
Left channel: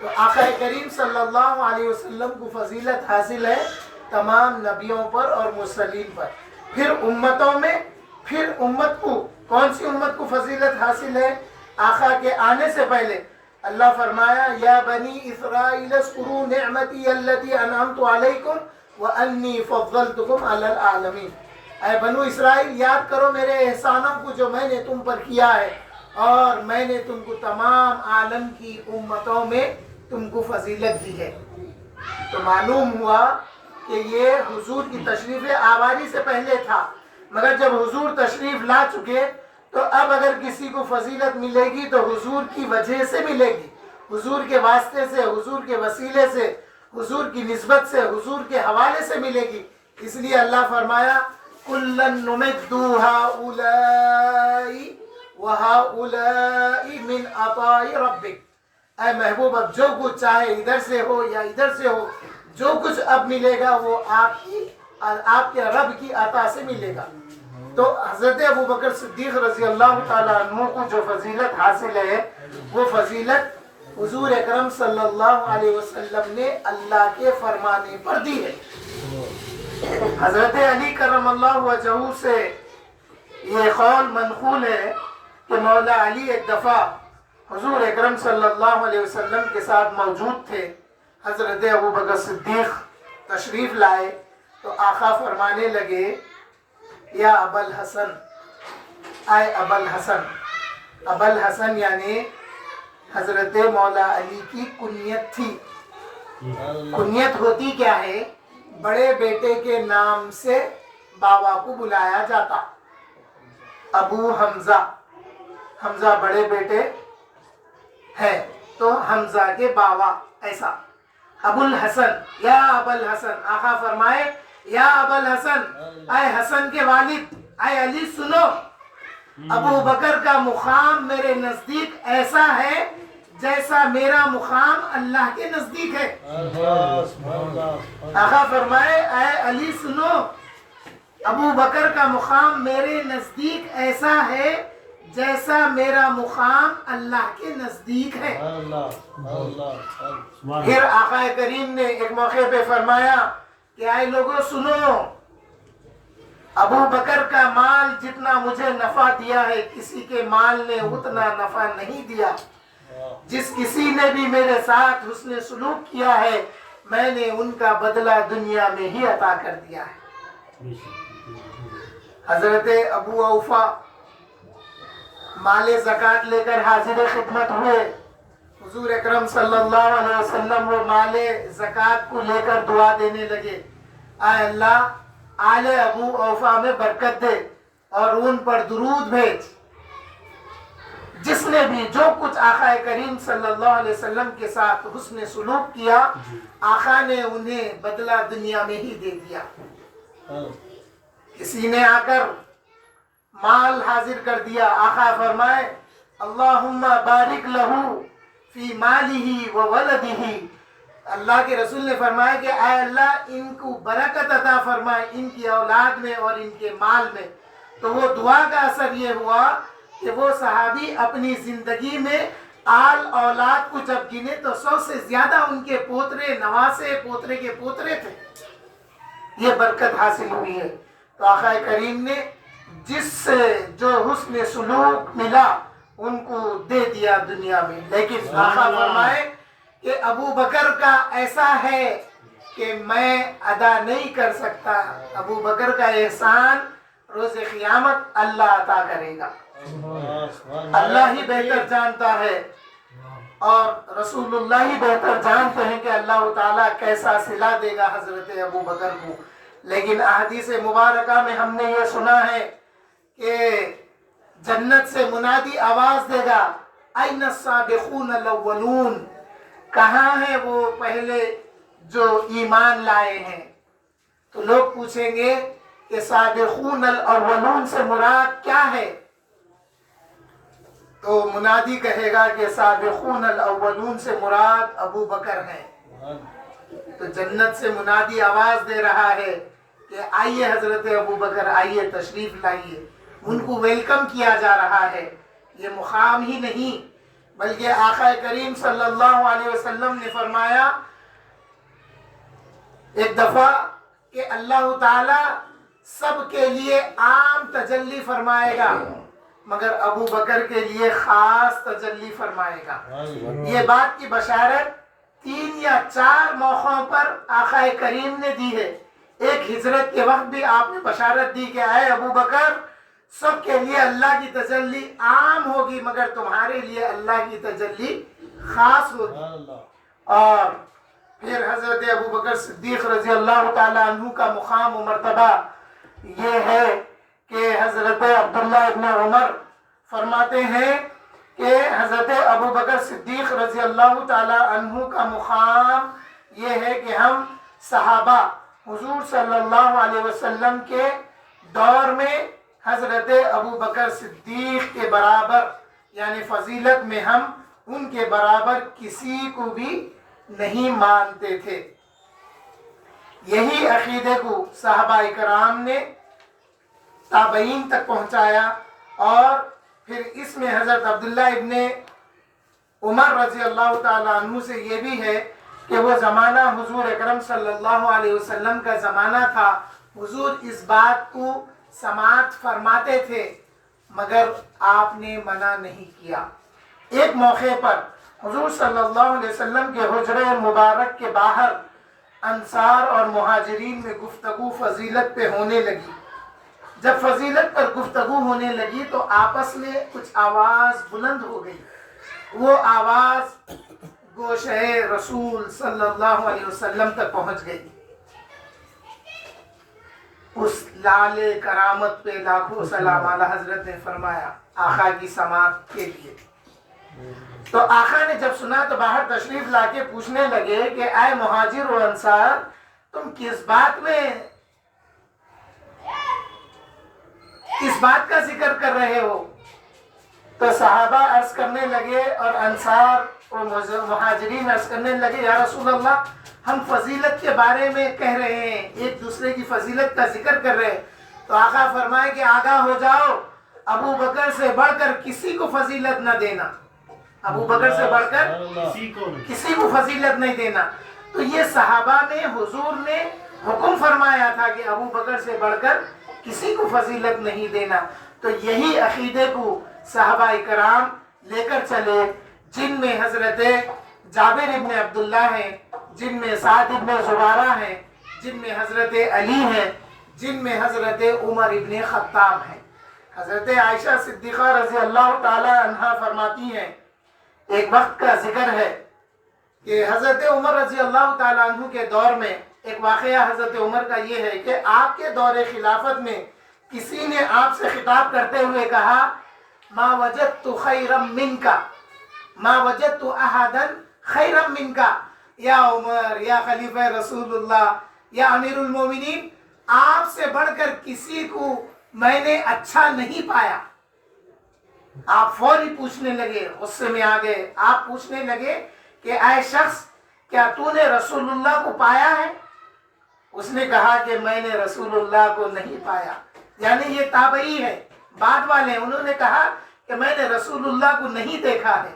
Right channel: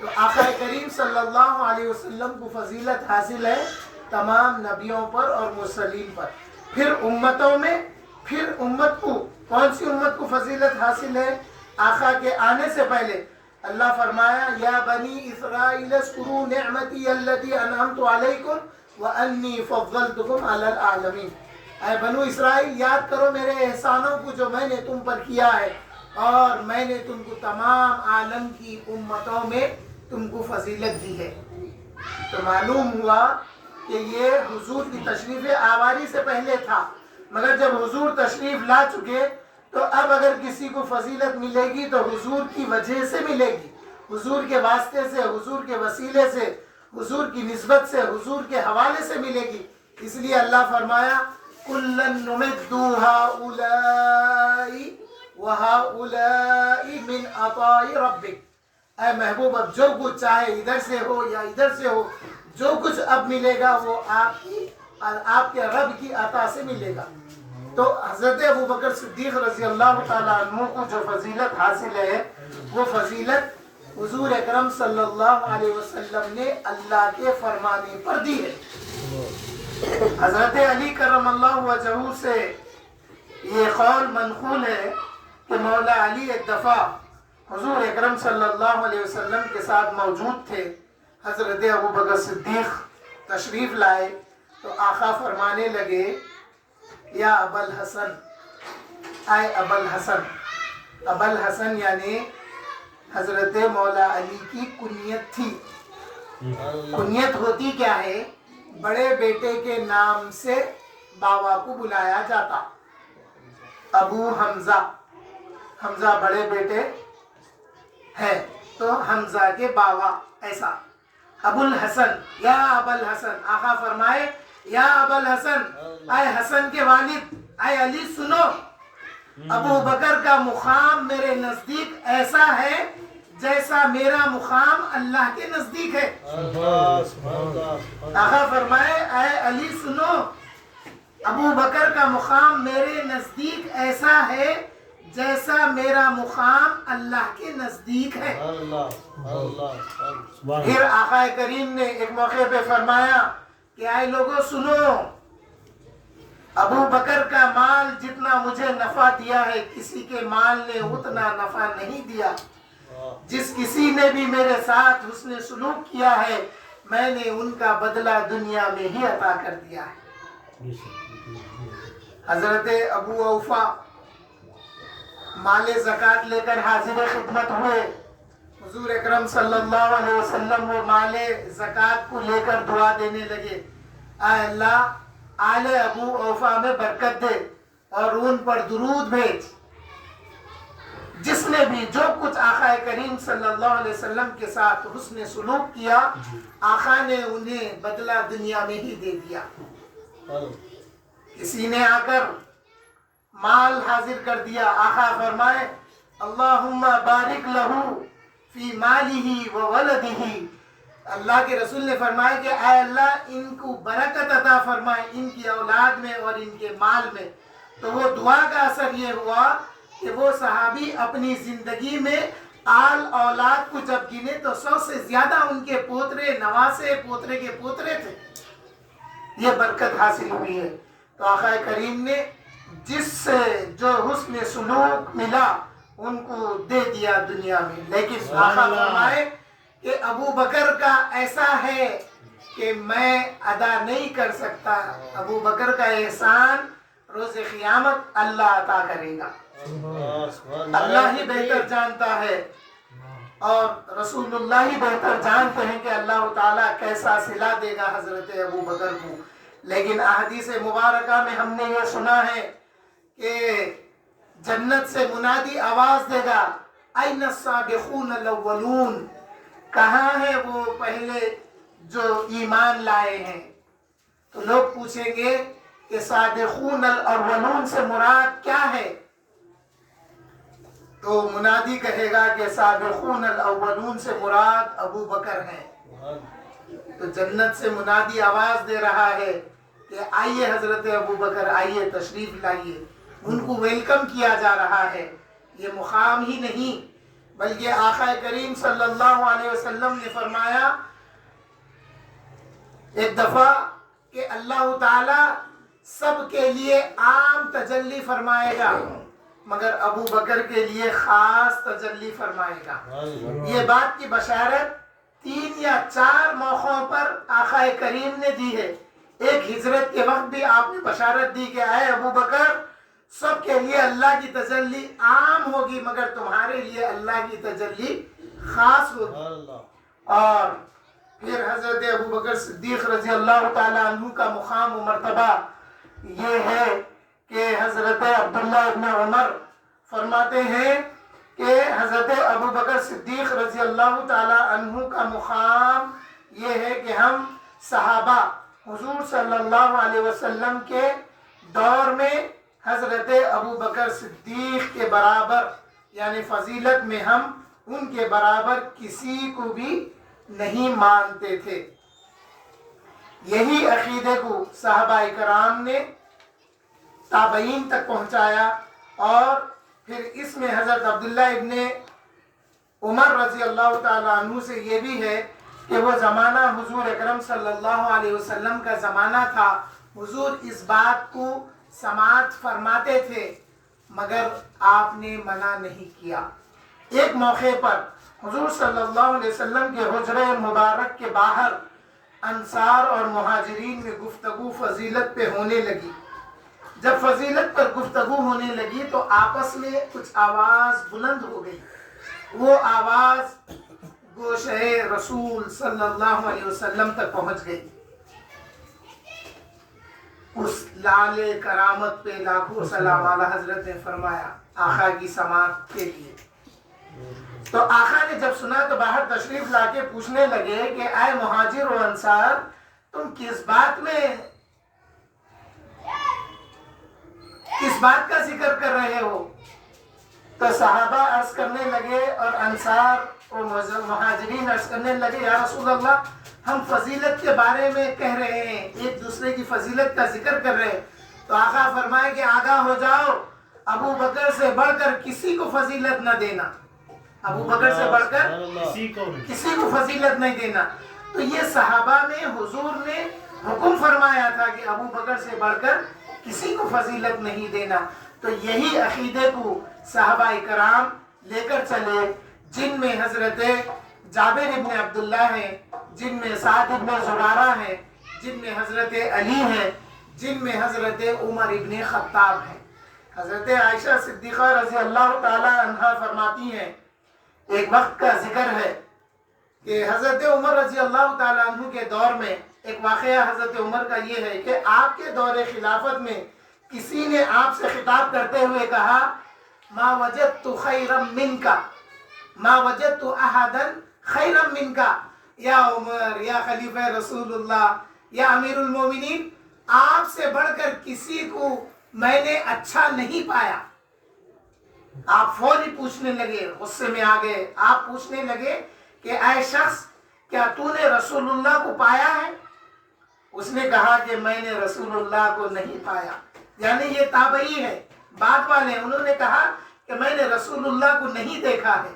تو آقا کریم صلی اللہ علیہ وسلم کو فضیلت حاصل ہے تمام نبیوں پر اور مرسلین پر. پھر امتوں میں, پھر امت کو, کون سی امت کو فضیلت حاصل ہے؟ آقا کے آنے سے پہلے اللہ فرمایا یا بنی اسرائیل اذکروا نعمتی التی انعمت علیکم وانی فضلتکم علی العالمین. اے بنو اسرائیل یاد کرو میرے احسانوں کو جو میں نے تم پر کیا ہے, اور میں نے تم کو تمام عالم کی امتوں میں تم کو فضیلت دی ہے. تو معلوم ہوا کہ یہ حضور کی تشریف آواری سے پہلے تھا, مگر جب حضور تشریف لا چکے تو اب اگر کسی کو فضیلت ملے گی تو حضور کی وجہ سے ملے گی, حضور کے واسطے سے, حضور کے وسیلے سے, حضور کی نسبت سے, حضور کے حوالے سے ملے گی. اس لیے اللہ فرمایا کُلًّا نُمِدُّ هَؤُلَاءِ وَهَؤُلَاءِ مِنْ عَطَاءِ رَبِّكَ. اے محبوب اب جو کچھ چاہے ادھر سے ہو یا ادھر سے ہو, جو کچھ اب ملے گا وہ آپ کے رب کی عطا سے ملے گا. تو حضرت ابوبکر صدیق رضی اللہ تعالیٰ عنہ کو جو فضیلت حاصل ہے وہ فضیلت حضور اکرم صلی اللہ علیہ وسلم نے اللہ کے فرمانے پر دی ہے. حضرت علی کرم اللہ وجہہ سے یہ قول منقول ہے کہ مولا علی ایک دفعہ حضور اکرم صلی اللہ علیہ وسلم کے ساتھ موجود تھے. حضرت ابوبکر صدیق تشریف لائے تو آقا فرمانے لگے یا ابا الحسن, اے ابا الحسن. ابا الحسن یعنی حضرت مولا علی کی کنیت تھی. کنیت ہوتی کیا ہے؟ بڑے بیٹے کے نام سے بابا کو بلایا جاتا. ابو حمزہ, حمزہ بڑے بیٹے ہیں تو حمزہ کے بابا, ایسا. ابو الحسن, یا ابا الحسن. آقا فرمائے یا ابا الحسن, اے حسن کے والد, اے علی سنو, ابو بکر کا مقام میرے نزدیک ایسا ہے جیسا میرا مقام اللہ کے نزدیک ہے. آقا فرمائے اے علی سنو, ابو بکر کا مقام میرے نزدیک ایسا ہے جیسا میرا مقام اللہ کے نزدیک ہے. پھر آقا کریم نے ایک موقع پہ فرمایا کہ اے لوگوں سنو, ابو بکر کا مال جتنا مجھے نفع دیا ہے کسی کے مال نے اتنا نفع نہیں دیا. جس کسی نے بھی میرے ساتھ حسن سلوک کیا ہے میں نے ان کا بدلہ دنیا میں ہی عطا کر دیا ہے. حضرت ابو اوفا مال زکوٰۃ لے کر حاضر خدمت ہوئے. حضور اکرم صلی اللہ علیہ وسلم وہ مال زکوٰۃ کو لے کر دعا دینے لگے, اے اللہ آل ابو اوفا میں برکت دے اور ان پر درود بھیج. جس نے بھی جو کچھ آقا کریم صلی اللہ علیہ وسلم کے ساتھ حسن سلوک کیا آقا نے انہیں بدلہ دنیا میں ہی دے دیا. کسی نے آ کر مال حاضر کر دیا, آقا فرمائے اللہم بارک لہو فی مالہ و ولدہ. اللہ کے رسول نے فرمایا کہ اے اللہ ان کو برکت عطا فرمائے ان کی اولاد میں اور ان کے مال میں. تو وہ دعا کا اثر یہ ہوا کہ وہ صحابی اپنی زندگی میں آل اولاد کو جب گنے تو 100 سے زیادہ ان کے پوترے, نواسے, پوترے کے پوترے تھے. یہ برکت حاصل ہوئی ہے. تو آقا کریم نے جس سے جو حسن سلوک ملا ان کو دے دیا دنیا میں. لیکن آقا فرمائے کہ ابو بکر کا ایسا ہے کہ میں ادا نہیں کر سکتا. ابو بکر کا احسان روز قیامت اللہ عطا کرے گا. اللہ ہی بہتر جانتا ہے اور رسول اللہ ہی بہتر جانتے ہیں کہ اللہ تعالیٰ کیسا صلہ دے گا حضرت ابو بکر کو. لیکن احادیث مبارکہ میں ہم نے یہ سنا ہے کہ جنت سے منادی آواز دے گا این السابقون الاولون, کہاں ہے وہ پہلے جو ایمان لائے ہیں. تو لوگ پوچھیں گے کہ سابقون الاولون سے مراد کیا ہے؟ تو منادی کہے گا کہ سابقون الاولون سے مراد ابو بکر ہیں. تو جنت سے منادی آواز دے رہا ہے کہ آئیے حضرت ابو بکر، آئیے تشریف لائیے. ان کو ویلکم کیا جا رہا ہے. یہ مقام ہی نہیں بلکہ آقا کریم صلی اللہ علیہ وسلم نے فرمایا ایک دفعہ کہ اللہ تعالی سب کے لیے عام تجلی فرمائے گا مگر ابو بکر کے لیے خاص تجلی فرمائے گا. یہ بات کی بشارت 3 یا 4 موقعوں پر آقا کریم نے دی ہے. ایک ہجرت کے وقت بھی آپ نے بشارت دی کہ اے ابو بکر، سب کے لیے اللہ کی تجلی عام ہوگی مگر تمہارے لیے اللہ کی تجلی خاص ہوگی. اور پھر حضرت ابو بکر صدیق رضی اللہ تعالی عنہ کا مقام و مرتبہ یہ ہے کہ حضرت عبداللہ ابن عمر فرماتے ہیں کہ حضرت ابو بکر صدیق رضی اللہ تعالی عنہ کا مقام یہ ہے کہ ہم صحابہ حضور صلی اللہ علیہ وسلم کے دور میں حضرت ابو بکر صدیق کے برابر یعنی فضیلت میں ہم ان کے برابر کسی کو بھی نہیں مانتے تھے. یہی عقیدے کو صحابہ کرام نے تابعین تک پہنچایا. اور پھر اس میں حضرت عبداللہ ابن عمر رضی اللہ تعالیٰ عنہ سے یہ بھی ہے کہ وہ زمانہ حضور اکرم صلی اللہ علیہ وسلم کا زمانہ تھا. حضور اس بات کو سماعت فرماتے تھے مگر آپ نے منع نہیں کیا. ایک موقع پر حضور صلی اللہ علیہ وسلم کے حجرہ مبارک کے باہر انصار اور مہاجرین میں گفتگو فضیلت پہ ہونے لگی. جب فضیلت پر گفتگو ہونے لگی تو آپس میں کچھ آواز بلند ہو گئی. وہ آواز گوشہ رسول صلی اللہ علیہ وسلم تک پہنچ گئی. اس لال کرامت پہ لاکھوں سلام اعلیٰ حضرت نے فرمایا آقا کی سماعت کے لیے. تو آقا نے جب سنا تو باہر تشریف لا کے پوچھنے لگے کہ اے مہاجر و انصار، تم کس بات کا ذکر کر رہے ہو؟ تو صحابہ عرض کرنے لگے اور انصار اور مہاجرین عرض کرنے لگے یا رسول اللہ، ہم فضیلت کے بارے میں کہہ رہے ہیں، ایک دوسرے کی فضیلت کا ذکر کر رہے ہیں. تو آقا فرمائے کہ آگاہ ہو جاؤ، ابو بکر سے بڑھ کر کسی کو فضیلت نہ دینا. ابو بکر سے بڑھ کر کسی کو فضیلت نہیں دینا. تو یہ صحابہ میں حضور نے حکم فرمایا تھا کہ ابو بکر سے بڑھ کر کسی کو فضیلت نہیں دینا. تو یہی عقیدے کو صحابہ کرام لے کر چلے، جن میں حضرت جابر ابن عبداللہ ہیں، جن میں سعد ابن زرارہ ہیں، جن میں حضرت علی ہیں، جن میں حضرت عمر ابن خطاب ہیں. حضرت عائشہ صدیقہ رضی اللہ تعالی عنہا فرماتی ہیں، ایک وقت کا ذکر ہے کہ حضرت عمر رضی اللہ تعالیٰ عنہ کے دور میں ایک واقعہ حضرت عمر کا یہ ہے کہ آپ کے دور خلافت میں کسی نے آپ سے خطاب کرتے ہوئے کہا ما وجدت خیرا منکا، ما وجدت احدا خیرا منکا یا عمر، یا خلیفہ رسول اللہ، یا امیر المومنین، آپ سے بڑھ کر کسی کو میں نے اچھا نہیں پایا. آپ فوری پوچھنے لگے، غصے میں آ گئے. آپ پوچھنے لگے کہ اے شخص، کیا تو نے رسول اللہ کو پایا ہے؟ اس نے کہا کہ میں نے رسول اللہ کو نہیں پایا. یعنی یہ تابعی ہے، بعد والے، انہوں نے کہا کہ میں نے رسول اللہ کو نہیں دیکھا ہے.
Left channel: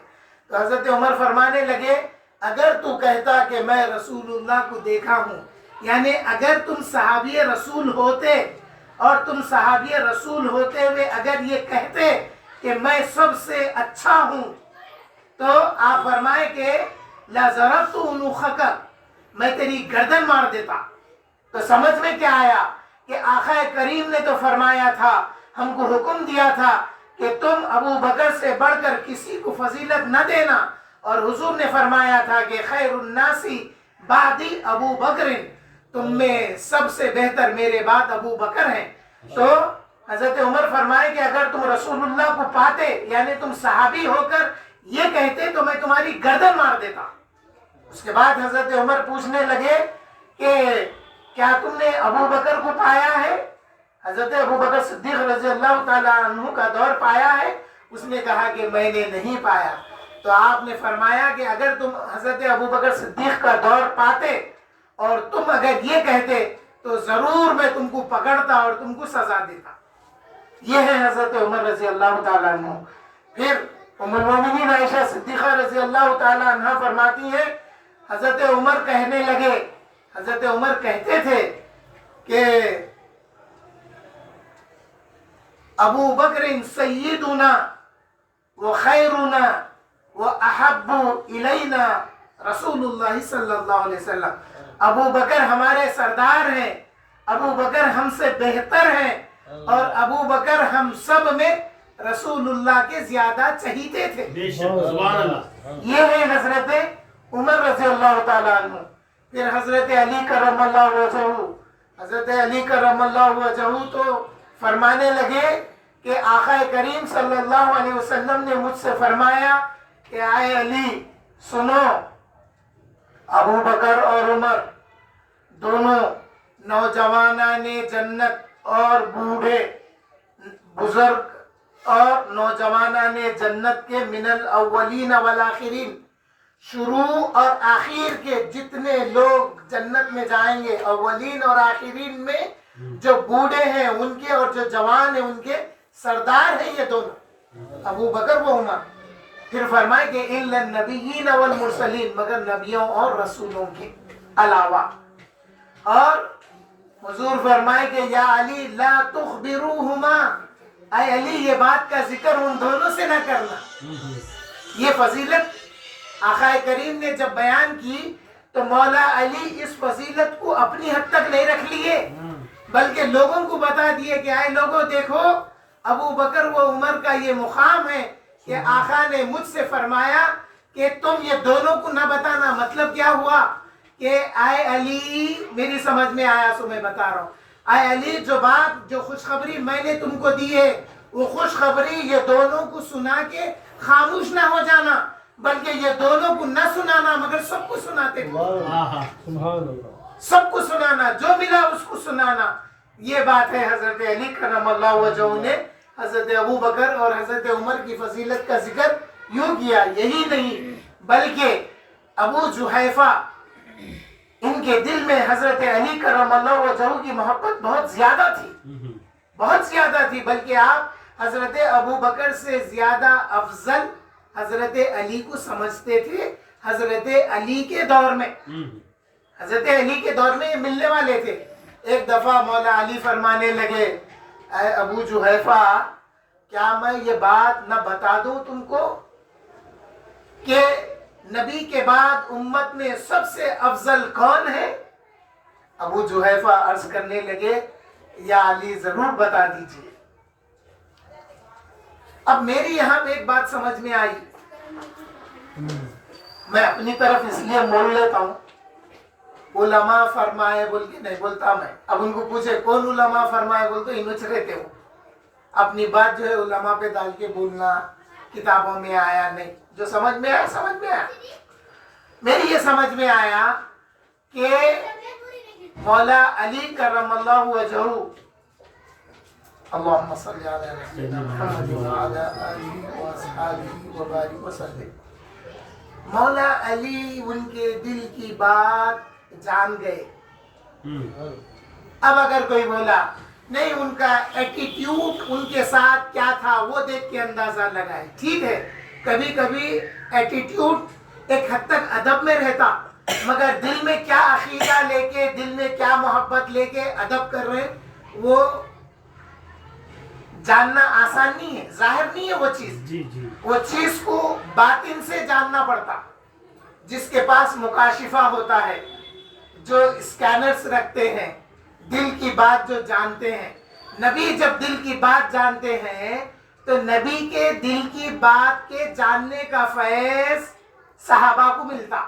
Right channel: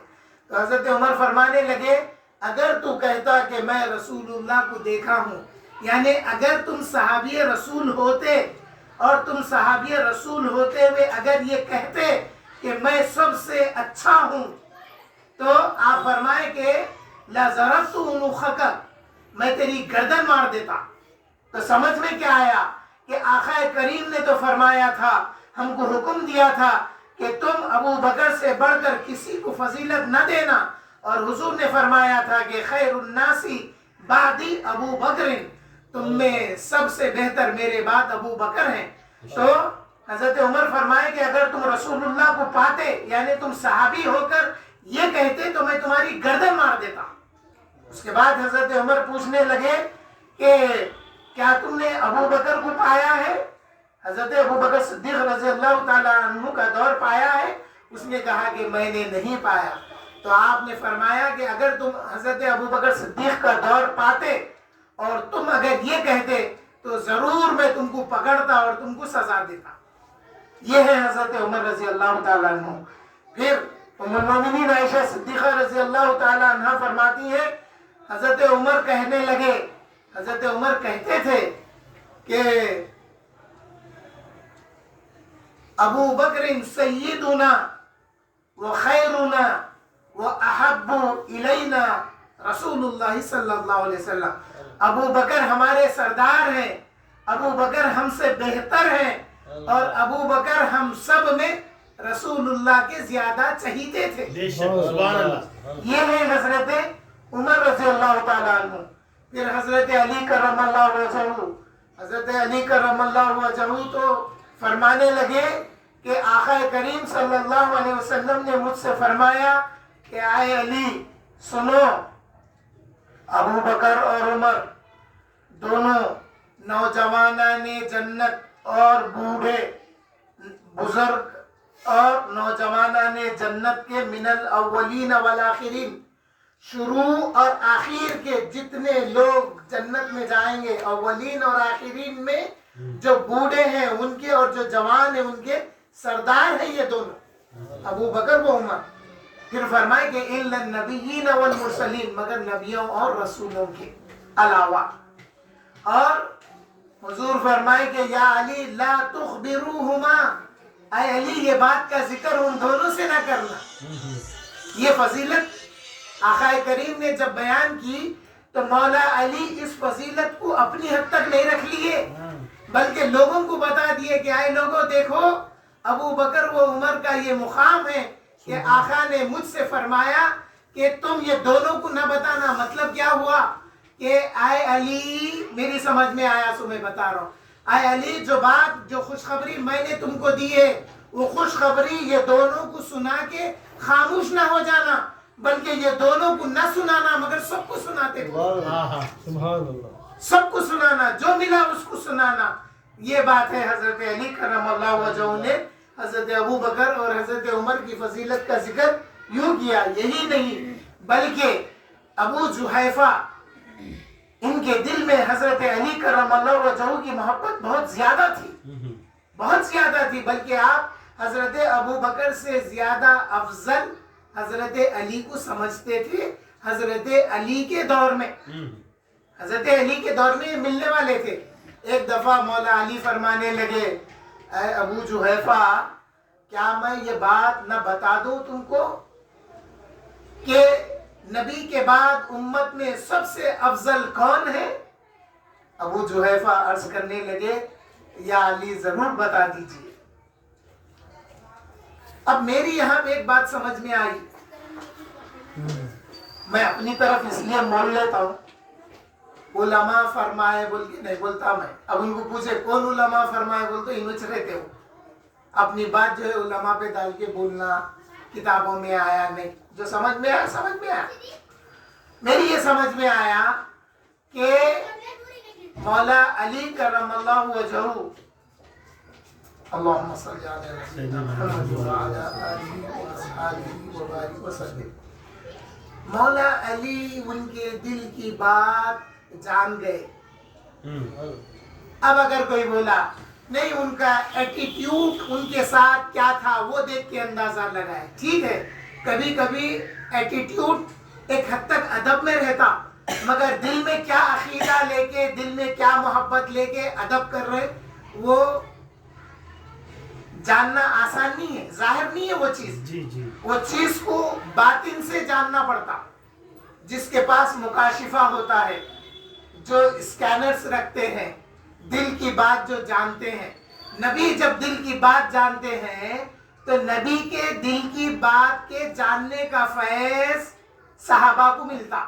تو حضرت عمر فرمانے لگے اگر تو کہتا کہ میں رسول اللہ کو دیکھا ہوں، یعنی اگر تم صحابی رسول ہوتے اور تم صحابی رسول ہوتے ہوئے اگر یہ کہتے کہ میں سب سے اچھا ہوں، تو آپ فرمائے کہ لَضَرَبْتُ عُنُوخَكَ، میں تیری گردن مار دیتا. تو سمجھ میں کیا آیا کہ آقا کریم نے تو فرمایا تھا، ہم کو حکم دیا تھا کہ تم ابو بکر سے بڑھ کر کسی کو فضیلت نہ دینا، اور حضور نے فرمایا تھا کہ خیر الناس بعدی ابو بکر، تم میں سب سے بہتر میرے بعد ابو بکر ہیں. تو حضرت عمر فرمائے کہ اگر تم رسول اللہ کو پاتے، یعنی تم صحابی ہو کر یہ کہتے تو میں تمہاری گردن مار دیتا. اس کے بعد حضرت عمر پوچھنے لگے کہ کیا تم نے ابو بکر کو پایا ہے؟ حضرت ابو بکر صدیق رضی اللہ تعالیٰ عنہ کا دور پایا ہے؟ اس نے کہا کہ میں نے نہیں پایا. تو آپ نے فرمایا کہ اگر تم حضرت ابوبکر صدیق کا دور پاتے اور تم اگر یہ کہتے تو ضرور میں تم کو پکڑتا اور تم کو سزا دیتا. یہ ہے حضرت عمر رضی اللہ تعالیٰ عنہ. پھر ام المومنین عائشہ صدیقہ رضی اللہ تعالیٰ عنہ فرماتی ہیں حضرت عمر کہنے لگے، حضرت عمر کہتے تھے کہ ابو بکر سیدنا و خیرنا و احب الینا رسول اللہ صلی اللہ علیہ وسلم. ابو بکر ہمارے سردار ہیں، ابو بکر ہم سے بہتر ہیں، اور ابو بکر ہم سب میں رسول اللہ کے زیادہ چہیتے تھے. یہ ہے حضرت عمر رضی اللہ تعالیٰ عنہ. پھر حضرت علی کرم اللہ وجہہ، حضرت علی کرم اللہ وجہہ تو فرمانے لگے کہ آقا کریم صلی اللہ علیہ وسلم نے مجھ سے فرمایا کہ آئے علی سنو، ابو بکر اور عمر دونوں نوجوانان جنت اور بوڑھے بزرگ اور نوجوانان جنت کے من الاولین والآخرین، شروع اور آخر کے جتنے لوگ جنت میں جائیں گے، اولین اور آخرین میں جو بوڑھے ہیں ان کے اور جو جوان ہیں ان کے سردار ہیں یہ دونوں، ابو بکر و عمر. پھر فرمائے کہ الا النبیین والمرسلین، مگر نبیوں اور رسولوں کے علاوہ. اور حضور فرمائے کہ یا علی لا تخبروہما، اے علی یہ بات کا ذکر ان دونوں سے نہ کرنا. یہ فضیلت آقا کریم نے جب بیان کی تو مولا علی اس فضیلت کو اپنی حد تک نہیں رکھ لیے، بلکہ لوگوں کو بتا دیے کہ آئے لوگوں دیکھو ابو بکر و عمر کا یہ مقام ہے کہ آقا نے مجھ سے فرمایا کہ تم یہ دونوں کو نہ بتانا. مطلب کیا ہوا کہ آئے علی، میری سمجھ میں آیا سو میں بتا رہا ہوں، آئے علی جو بات جو خوشخبری میں نے تم کو دی ہے وہ خوشخبری یہ دونوں کو سنا کے خاموش نہ ہو جانا، بلکہ یہ دونوں کو نہ سنانا مگر سب کو سناتے سب کو سنانا، جو ملا اس کو سنانا. یہ بات ہے حضرت علی کرم اللہ وجہہ نے حضرت ابو بکر اور حضرت عمر کی فضیلت کا ذکر یوں کیا. یہی نہیں بلکہ ابو جحیفہ ان کے دل میں حضرت علی کرم اللہ وجہہ کی محبت بہت زیادہ تھی، بہت زیادہ تھی. بلکہ آپ حضرت ابو بکر سے زیادہ افضل حضرت علی کو سمجھتے تھے. حضرت علی کے دور میں، حضرت علی کے دور میں یہ ملنے والے تھے. ایک دفعہ مولا علی فرمانے لگے اے ابو جحیفہ کیا میں یہ بات نہ بتا دوں تم کو کہ نبی کے بعد امت میں سب سے افضل کون ہے؟ ابو جحیفہ عرض کرنے لگے یا علی ضرور بتا دیجئے. اب میری یہاں ایک بات سمجھ میں آئی، میں اپنی طرف اس لیے مول لیتا ہوں، علماء فرمائے بول کے نہیں بولتا میں. اب ان کو پوچھے کون علماء فرمائے بول تو انچ رہتے ہو، اپنی بات جو ہے علماء پہ ڈال کے بولنا کتابوں میں آیا نہیں. جو سمجھ میں آیا سمجھ میں آیا. میری یہ سمجھ میں آیا کہ مولا علی کرم اللہ وجہہ، اللہم صلی علی سیدنا محمد وعلی آلہ واصحابہ وبارک وسلم. مولا علی ان کے دل کی بات جان گئے. اب اگر کوئی بولا نہیں ان کا ایٹیٹیوڈ ان کے ساتھ کیا تھا وہ دیکھ کے اندازہ لگائے، ٹھیک ہے کبھی کبھی ایٹیٹیوڈ ایک حد تک ادب میں رہتا، مگر دل میں کیا عقیدہ لے کے، دل میں کیا محبت لے کے ادب کر رہے وہ جاننا آسان نہیں ہے، ظاہر نہیں ہے وہ چیز. وہ چیز کو باطن سے جاننا پڑتا. جس کے پاس مکاشفہ ہوتا ہے، جو اسکینرز رکھتے ہیں، دل کی بات جو جانتے ہیں. نبی جب دل کی بات جانتے ہیں تو نبی کے دل کی بات کے جاننے کا فیض صحابہ کو ملتا.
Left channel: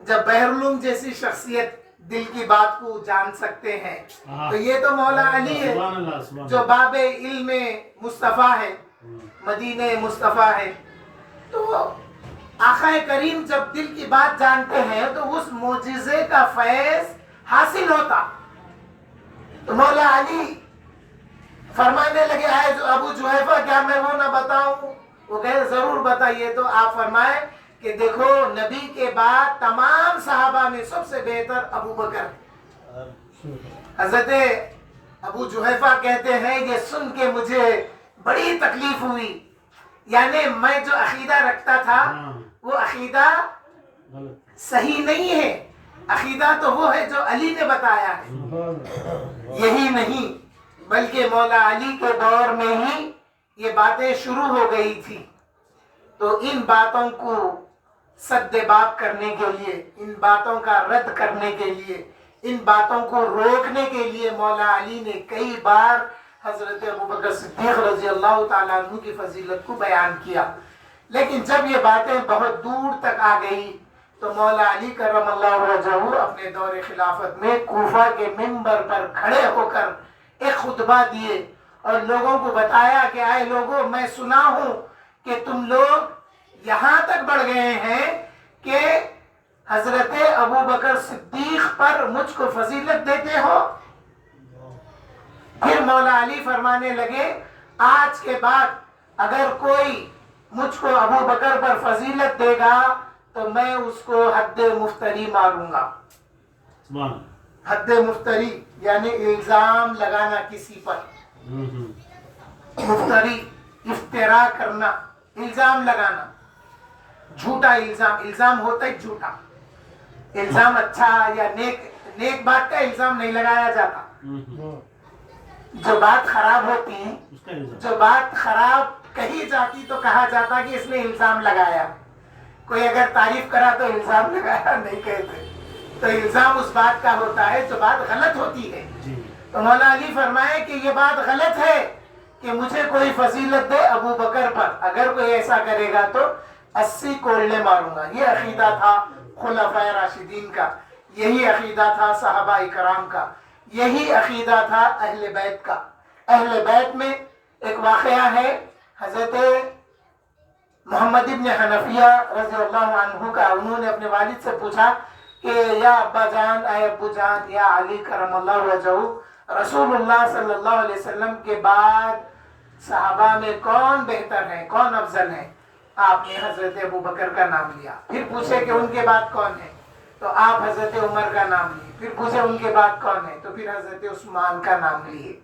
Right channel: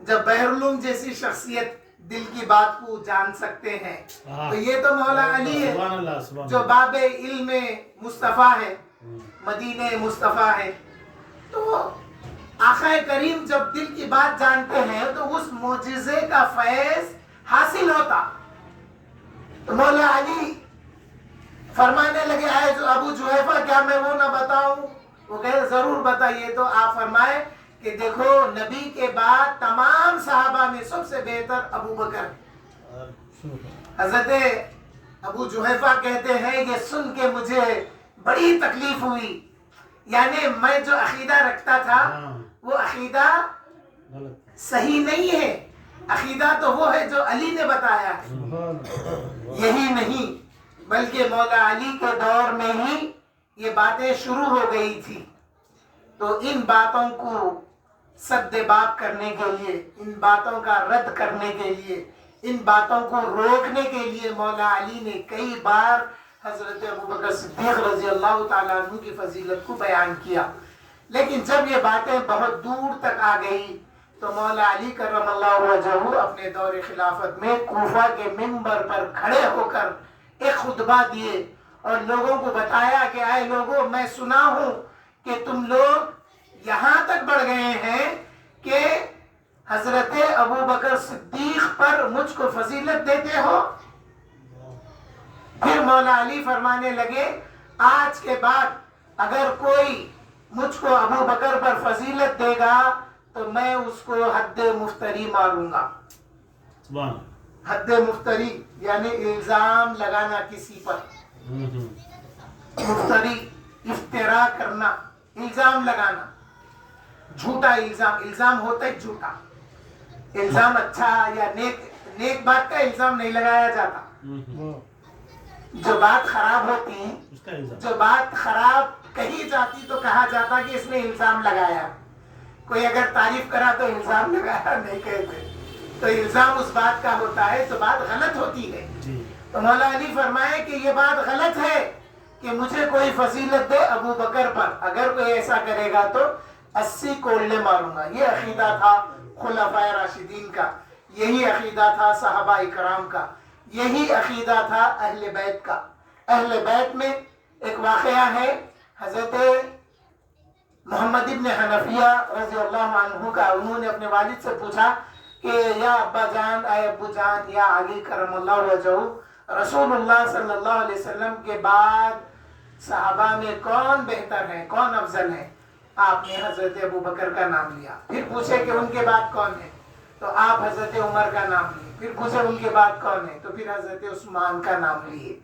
جب بحرالعلوم جیسی شخصیت دل کی بات کو جان سکتے ہیں تو یہ تو مولا علی ہے جو باب علم مصطفیٰ ہے، مدینہ مصطفیٰ ہے. تو آقا کریم جب دل کی بات جانتے ہیں تو اس معجزے کا فیض حاصل ہوتا. تو مولا علی فرمانے لگے آئے جو ابو جحیفہ کیا میں وہ نہ بتاؤں؟ وہ کہے ضرور بتائیے. تو آپ فرمائے کہ دیکھو نبی کے بعد تمام صحابہ میں سب سے بہتر ابو بکر. حضرت ابو جحیفہ کہتے ہیں یہ سن کے مجھے بڑی تکلیف ہوئی. یعنی میں جو عقیدہ رکھتا تھا وہ عقیدہ صحیح نہیں ہے. عقیدہ تو وہ ہے جو علی نے بتایا ہے. یہی نہیں بلکہ مولا علی کے دور میں ہی یہ باتیں شروع ہو گئی تھی. تو ان باتوں کو سد باب کرنے کے لیے، ان باتوں کا رد کرنے کے لیے، ان باتوں کو روکنے کے لیے مولا علی نے کئی بار حضرت ابوبکر صدیق رضی اللہ تعالیٰ عنہ کی فضیلت کو بیان کیا. لیکن جب یہ باتیں بہت دور تک آ گئی تو مولا علی کرم اللہ وجہہ اپنے دور خلافت میں کوفہ کے منبر پر کھڑے ہو کر ایک خطبہ دیے اور لوگوں کو بتایا کہ آئے لوگوں، میں سنا ہوں کہ تم لوگ یہاں تک بڑھ گئے ہیں کہ حضرت ابوبکر صدیق پر مجھ کو فضیلت دیتے ہو. پھر مولا علی فرمانے لگے آج کے بعد اگر کوئی مجھ کو ابو بکر پر فضیلت دے گا تو میں اس کو حد مفتری ماروں گا. حد مفتری یعنی الزام لگانا کسی پر. مفتری افترا کرنا، الزام لگانا، جھوٹا الزام. الزام ہوتا ہے جھوٹا. الزام اچھا یا نیک بات کا الزام نہیں لگایا جاتا. جو بات خراب ہوتی ہے، جو بات خراب کہی جاتی تو کہا جاتا کہ اس نے الزام لگایا. کوئی اگر تعریف کرا تو الزام لگایا نہیں کہتے. تو الزام اس بات کا ہوتا ہے جو بات غلط ہوتی ہے. تو مولا علی فرمائے کہ یہ بات غلط ہے کہ مجھے کوئی فضیلت دے ابو بکر پر. اگر کوئی ایسا کرے گا تو 80 کولے ماروں گا. یہ عقیدہ تھا خلفائے راشدین کا، یہی عقیدہ تھا صحابہ اکرام کا، یہی عقیدہ تھا اہل بیت کا. اہل بیت میں ایک واقعہ ہے. حضرت محمد ابن حنفیہ رضی اللہ عنہ کا، انہوں نے اپنے والد سے پوچھا کہ یا ابا جان، اے ابو جان، یا علی کرم اللہ وجہہ، رسول اللہ صلی اللہ علیہ وسلم کے بعد صحابہ میں کون بہتر ہے، کون افضل ہے؟ آپ نے حضرت ابو بکر کا نام لیا. پھر پوچھے کہ ان کے بعد کون ہے؟ تو آپ حضرت عمر کا نام لیے. پھر پوچھے ان کے بعد کون ہے؟ تو پھر حضرت عثمان کا نام لیے.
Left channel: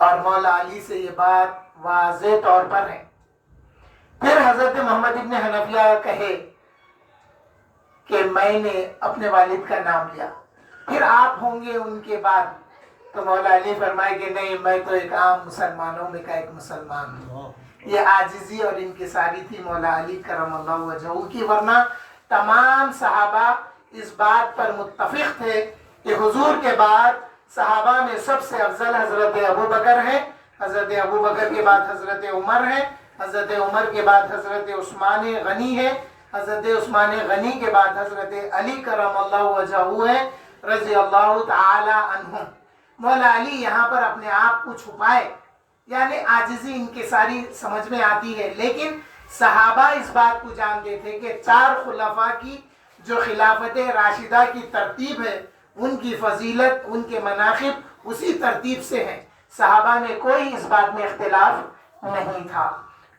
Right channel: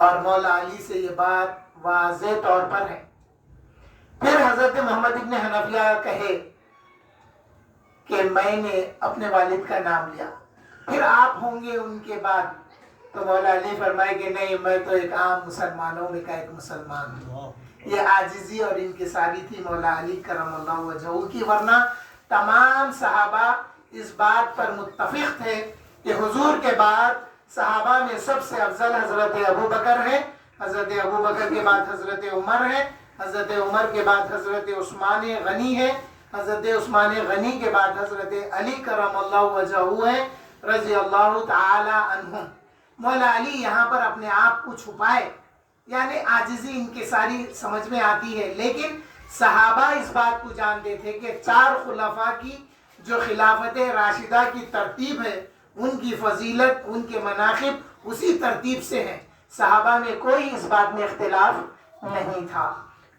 اور مولا علی سے یہ بات واضح طور پر ہے. پھر حضرت محمد ابن حنفیہ کہے کہ میں نے اپنے والد کا نام لیا. پھر آپ ہوں گے ان کے بعد. تو مولا علی فرمائے کہ نہیں، میں تو ایک عام مسلمانوں میں کا ایک مسلمان ہوں. یہ عاجزی اور انکساری تھی مولا علی کرم اللہ وجہہ کی. ورنہ تمام صحابہ اس بات پر متفق تھے کہ حضور کے بعد صحابہ میں سب سے افضل حضرت ابو بکر ہے. حضرت ابو بکر کے بعد حضرت عمر ہے. حضرت عمر کے بعد حضرت عثمان غنی ہے. حضرت عثمان غنی کے بعد حضرت علی کرم اللہ وجہہ ہے رضی اللہ تعالی عنہ. مولا علی یہاں پر اپنے آپ کو چھپائے، یعنی عاجزی انکساری سمجھ میں آتی ہے. لیکن صحابہ اس بات کو جانتے تھے کہ 4 خلفاء کی جو خلافت راشدہ کی ترتیب ہے، ان کی فضیلت، ان کے مناقب اسی ترتیب سے ہیں. صحابہ میں کوئی اس بات میں اختلاف نہیں تھا.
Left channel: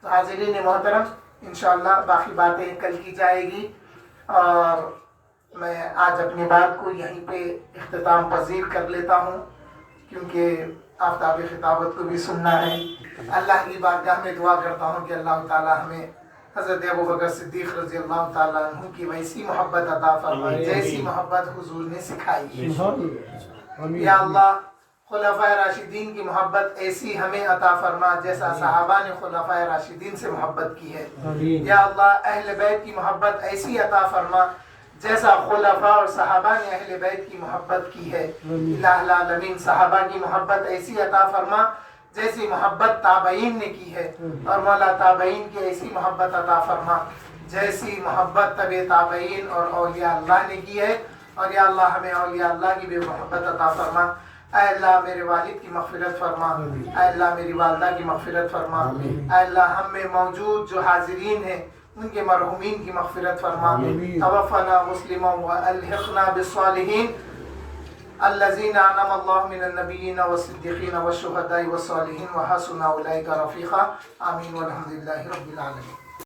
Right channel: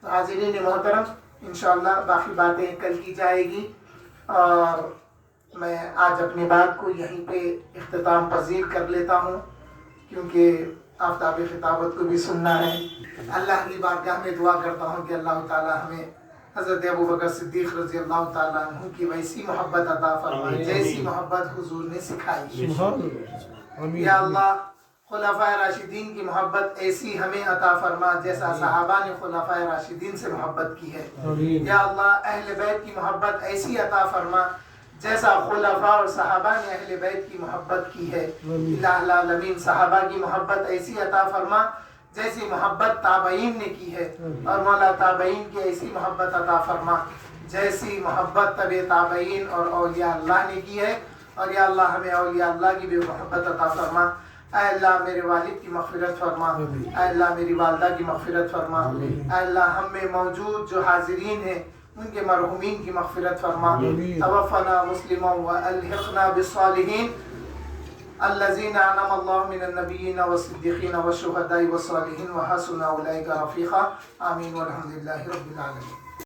تو حاضرین محترم، انشاءاللہ باقی باتیں کل کی جائے گی، اور میں آج اپنی بات کو یہیں پہ اختتام پذیر کر لیتا ہوں، کیونکہ آفتاب خطابت کو بھی سننا ہے. اللہ کی بارگاہ میں دعا کرتا ہوں کہ اللہ تعالی ہمیں حضرت ابوبکر صدیق رضی اللہ تعالیٰ عنہ کی ویسی محبت عطا فرمائے جیسی محبت حضور نے سکھائی ہے. یا اللہ خلفائے راشدین کی محبت ایسی ہمیں عطا فرما جیسا صحابہ نے خلفائے راشدین سے محبت کی ہے. یا اللہ اہل بیت کی محبت ایسی عطا فرما جیسا خلفاء اور صحابہ نے اہل بیت کی محبت کی ہے. الہ العالمین صحابہ کی محبت ایسی عطا فرما جیسی محبت تابعین نے کی ہے، اور مولا تابعین کی ایسی محبت عطا فرما جیسی محبت تبع تابعین اور اولیاء اللہ نے کی ہے. اور یا اللہ ہمیں اولیاء اللہ کی بھی محبت عطا فرما. اے اللہ میرے والد کی مغفرت فرما. اے اللہ میری والدہ کی مغفرت فرما. اے اللہ ہم میں موجود جو حاضرین ہیں ان کے مرحومین کی مغفرت فرما. توفنا مسلما والحقنا بالصالحین. الذين أنعم الله من النبيين والصديقين والشهداء والصالحين وحسن أولئك رفيقا آمين والحمد لله رب العالمين.